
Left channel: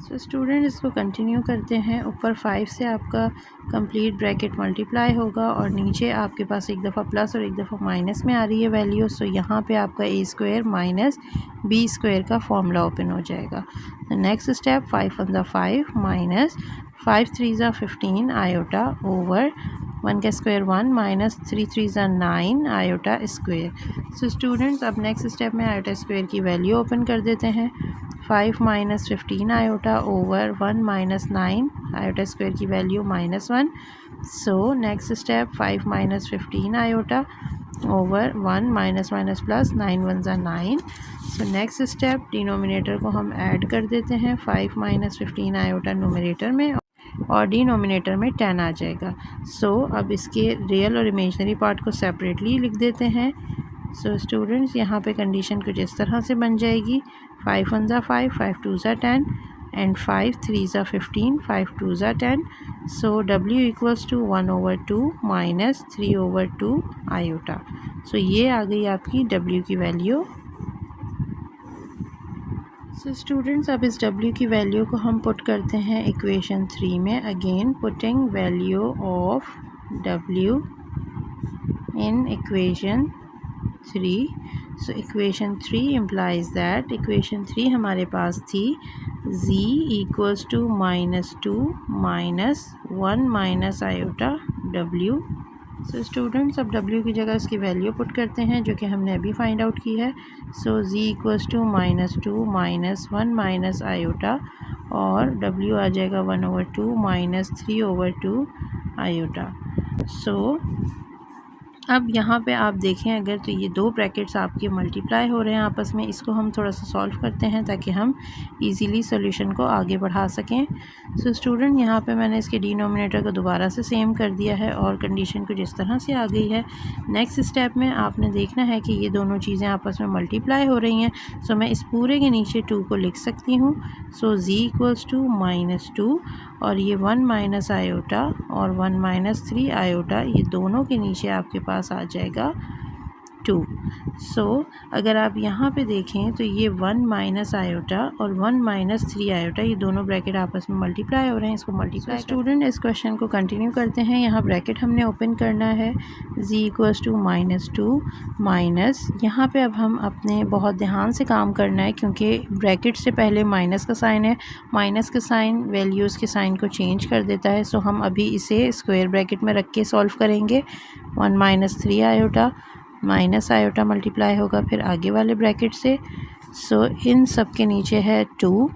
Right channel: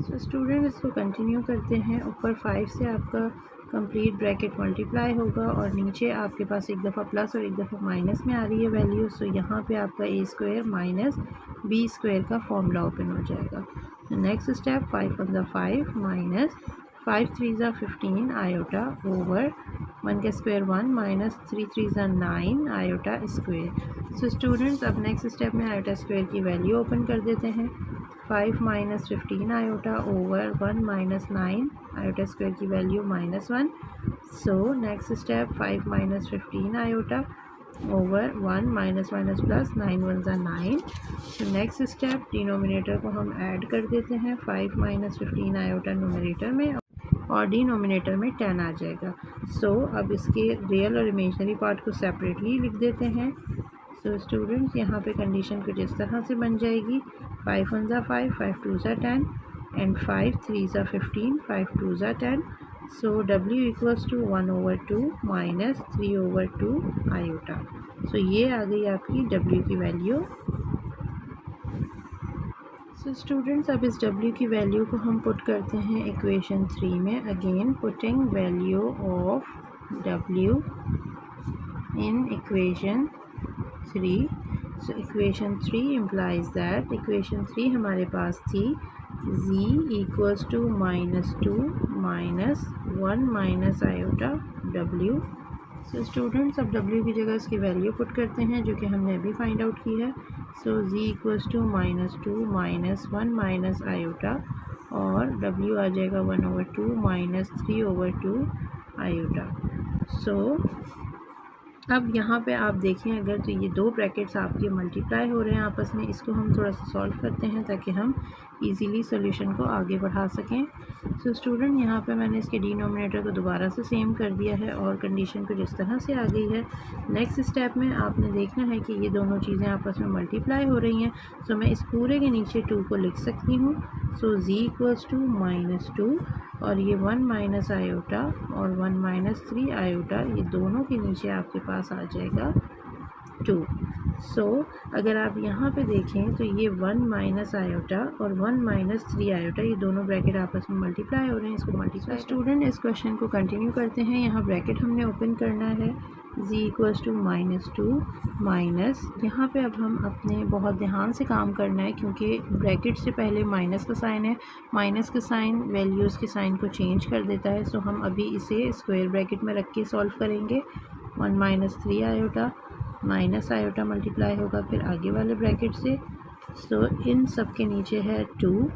सो स्टूडेंट इसको कंटिन्यू करते हैं। ऊपर 5 से आपका कंप्लीट ब्रैकेट मल्टीप्लाई होगा और नीचे आपके पास एक दफ़ा प्लस और एक दफ़ा माइनस में आ रही है वैल्यू। सो यहाँ पे आपका ए स्क्वायर माइनस बी स्क्वायर का फॉर्मूला ओपन हो जाएगा। नेक्स्ट स्टेप 5 वन ज़ा 5 माइनस 5 3 ज़ा 15 आयोटा ओवर 1 का स्क्वायर 1 माइनस 3 3 ज़ा 9 आयोटा स्क्वायर। सो स्टूडेंट्स अब नेक्स्ट स्टेप में आयोटा स्क्वायर की वैल्यू ओपन कर देते हैं। 5 minus 15 iota over 1 minus 9 iota square की value -1। So next step 5 minus 15 iota over 1 minus minus plus 9 one ज़ा 9। सो नेक्स्ट स्टेप डिनोमिनेटर को हम ऐड कर देते हैं। 5 माइनस 15 आयोटा नोमिनेटर में और डिनोमिनेटर में 10 आ जाएगा। सो अब इसके रियल और इमेजनरी पार्ट को सेपरेटली लिख देते हैं। सो स्टूडेंट्स यहाँ पे कंडीशन कुछ इस तरह से बन जाएगी। 5 वन ज़ा 5 5 टू ज़ा 10 एंड 5 3 ज़ा 15 5 टू ज़ा 10। So W equals to 1/2 minus 3/2 iota. So ये आ गई आपकी W की वैल्यू। सो स्टूडेंट्स अब इस W की वैल्यू को हम पुट करते हैं इक्वेशन 3 में। Again putting value of W in equation 3। So equation 3 implies that equation 3 हमारे पास थी z equals to -2 minus 1 minus iota W। So students अब W की जगह इसकी वैल्यू पुट करते हैं जो कि हमने अभी फाइंड आउट की है। So z equals to -2 minus 1 minus iota और W आ जाएगा 1/2 माइनस 3/2 आयोटा। सो अब यहाँ पे आप देखें अगर तो ये दो ब्रैकेट्स आपके मल्टीप्लाई हो रहे हैं आपस में। इसको हम थोड़ा सा सॉल्व करते हैं ताकि हम इजीली सॉल्यूशन को आगे बढ़ा सकें। सो स्टूडेंट यहाँ पे मैंने इसके डिनोमिनेटर को दोबारा से सेम कर दिया है और कंडीशन कुछ इस तरह से आ गई है। नेक्स्ट स्टेप में आपने देखना है कि ये दोनों चीज़ें आपस में मल्टीप्लाई हो रही हैं। सो मैं इस पूरे के नीचे 2 को लिख सकती हूँ। सो z इक्वल्स टू -2 और ये 1 माइनस आयोटा और 1 माइनस 3 आयोटा, ये दोनों के नीचे आपके पास आ जाएगा 2। सो अगर आप यहाँ पे देखें तो ये 1 माइनस आयोटा और 1 माइनस 3 आयोटा ये दोनों ब्रैकेट आपस में मल्टीप्लाई हो रहे हैं। इसको मल्टीप्लाई स्टूडेंट इस क्वेश्चन को कंटिन्यू करते हैं। यहाँ ब्रैकेट हमने ओपन करना है z इक्वल्स टू -2 माइनस, यहाँ पे अब हम अपने बहुत ध्यान से काम करना है क्योंकि ब्रैकेट से पहले माइनस का साइन है। माइनस का साइन वैल्यूज़ के साइन को चेंज कर देता है। सो हम अभी इसे स्क्वायर ब्रैकेट में रख के सॉल्व करेंगे। 1 minus 3 iota minus iota multiply होगा फिर आगे वाले ब्रैकेट से। सो इन सब के नीचे है 2।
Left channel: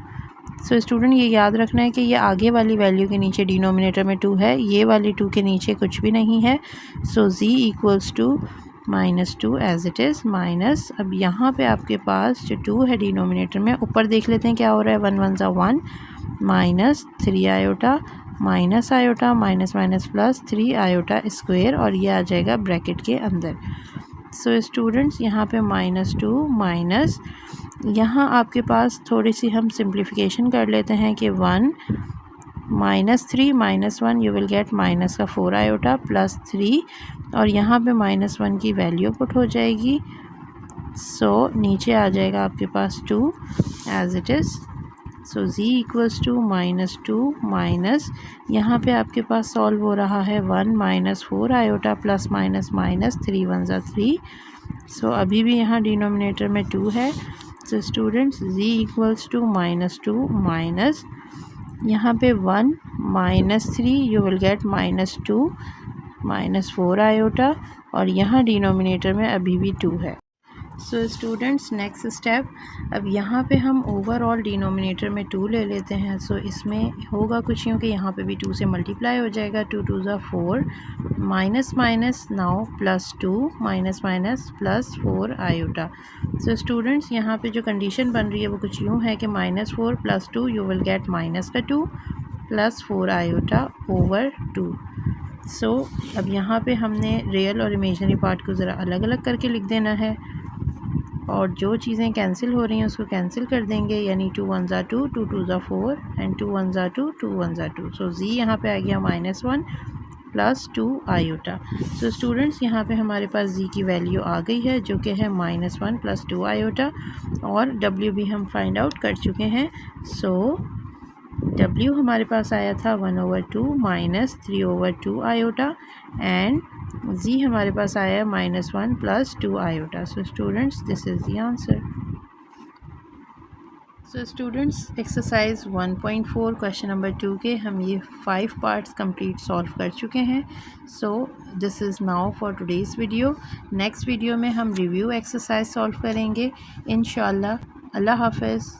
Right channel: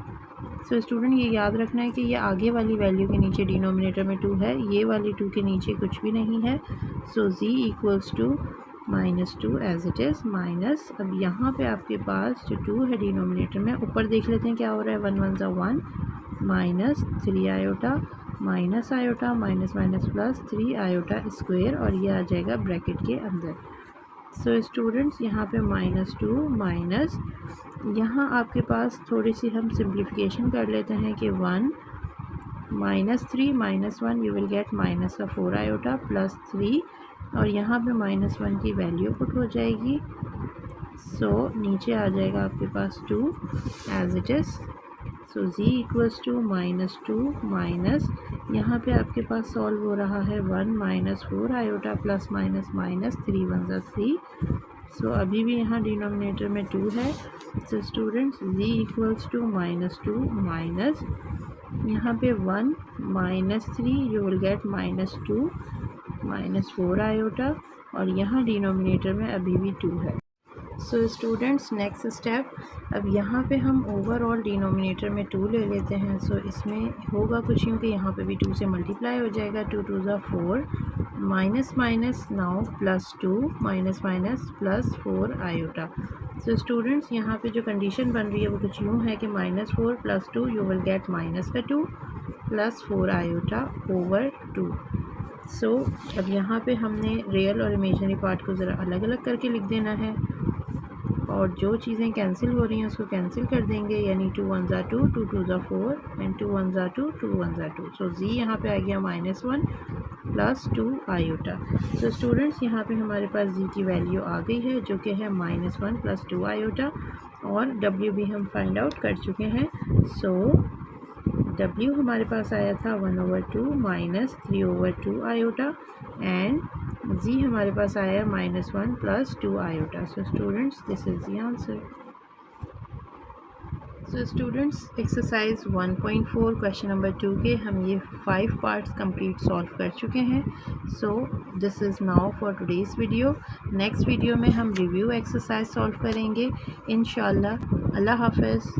सो स्टूडेंट ये याद रखना है कि ये आगे वाली वैल्यू के नीचे डिनोमिनेटर में 2 है, ये वाली 2 के नीचे कुछ भी नहीं है। So z equals to -2 as it is minus, अब यहाँ पे आपके पास जो 2 है डिनोमिनेटर में, ऊपर देख लेते हैं क्या हो रहा है। 1 1 ज़ा 1 minus 3 iota minus iota minus minus plus 3 iota square और ये आ जाएगा ब्रैकेट के अंदर। सो स्टूडेंट्स यहाँ पे -2 माइनस, यहाँ आपके पास थोड़ी सी हम सिंप्लीफिकेशन कर लेते हैं कि 1 -3 -1 यू विल गेट माइनस का 4 आयोटा प्लस 3 और यहाँ पे -1 की वैल्यू पुट हो जाएगी। सो नीचे आ जाएगा आपके पास 2 as it is. So z equals to -2 minus, यहाँ पे आपके पास सॉल्व हो रहा है 1 minus 4 iota plus minus minus 3 1 ज़ा 3। सो अभी भी यहाँ डिनोमिनेटर में 2 है। So students z equals to -2 minus, यहाँ पे 1 minus 3 you will get -2 minus 4 iota और यहाँ डिनोमिनेटर में अभी भी 2 है। सो स्टूडेंट्स नेक्स्ट स्टेप, अब यहाँ पे हम ओवरऑल डिनोमिनेटर में 2 ले लेते हैं। सो इसमें होगा कुछ यूँ कि यहाँ पे भी 2 से मल्टीप्लाई हो जाएगा। 2 2 ज़ा 4 minus minus now plus 2 minus minus plus 4 iota. So students यहाँ पे जो कंडीशन बन रही है वो कुछ यूँ है कि -4 plus 2 you will get minus का 2 प्लस 4 आयोटा ओवर 2। सो अब यहाँ पे हमने रियल और इमेजनरी पार्ट को ज़रा अलग अलग करके लिख देना है और जो चीज़ें कैंसिल हो रही हैं उसको कैंसिल कर देंगे, यानी 2 1 ज़ा 2 2 2 ज़ा 4 एंड 2 1 ज़ा 2 2 1 ज़ा 2। सो z यहाँ पे आ गया -1 प्लस 2 आयोटा। सो स्टूडेंट्स यहाँ पे हमारे पास जी की वैल्यू आ गई है जो कि है -1 प्लस 2 आयोटा, और डब्ल्यू भी हम फाइंड आउट कर चुके हैं। सो W हमारे पास आया था 1/2 माइनस 3/2 आयोटा, एंड Z हमारे पास आया -1 plus 2 iota. So students this is the answer. So students exercise 1.4 question number 2 के हम ये 5 पार्ट्स कंप्लीट सॉल्व कर चुके हैं। सो this is now for today's video. Next video में हम रिव्यू एक्सरसाइज सॉल्व करेंगे इंशाल्लाह। अल्लाह हाफ़िज़।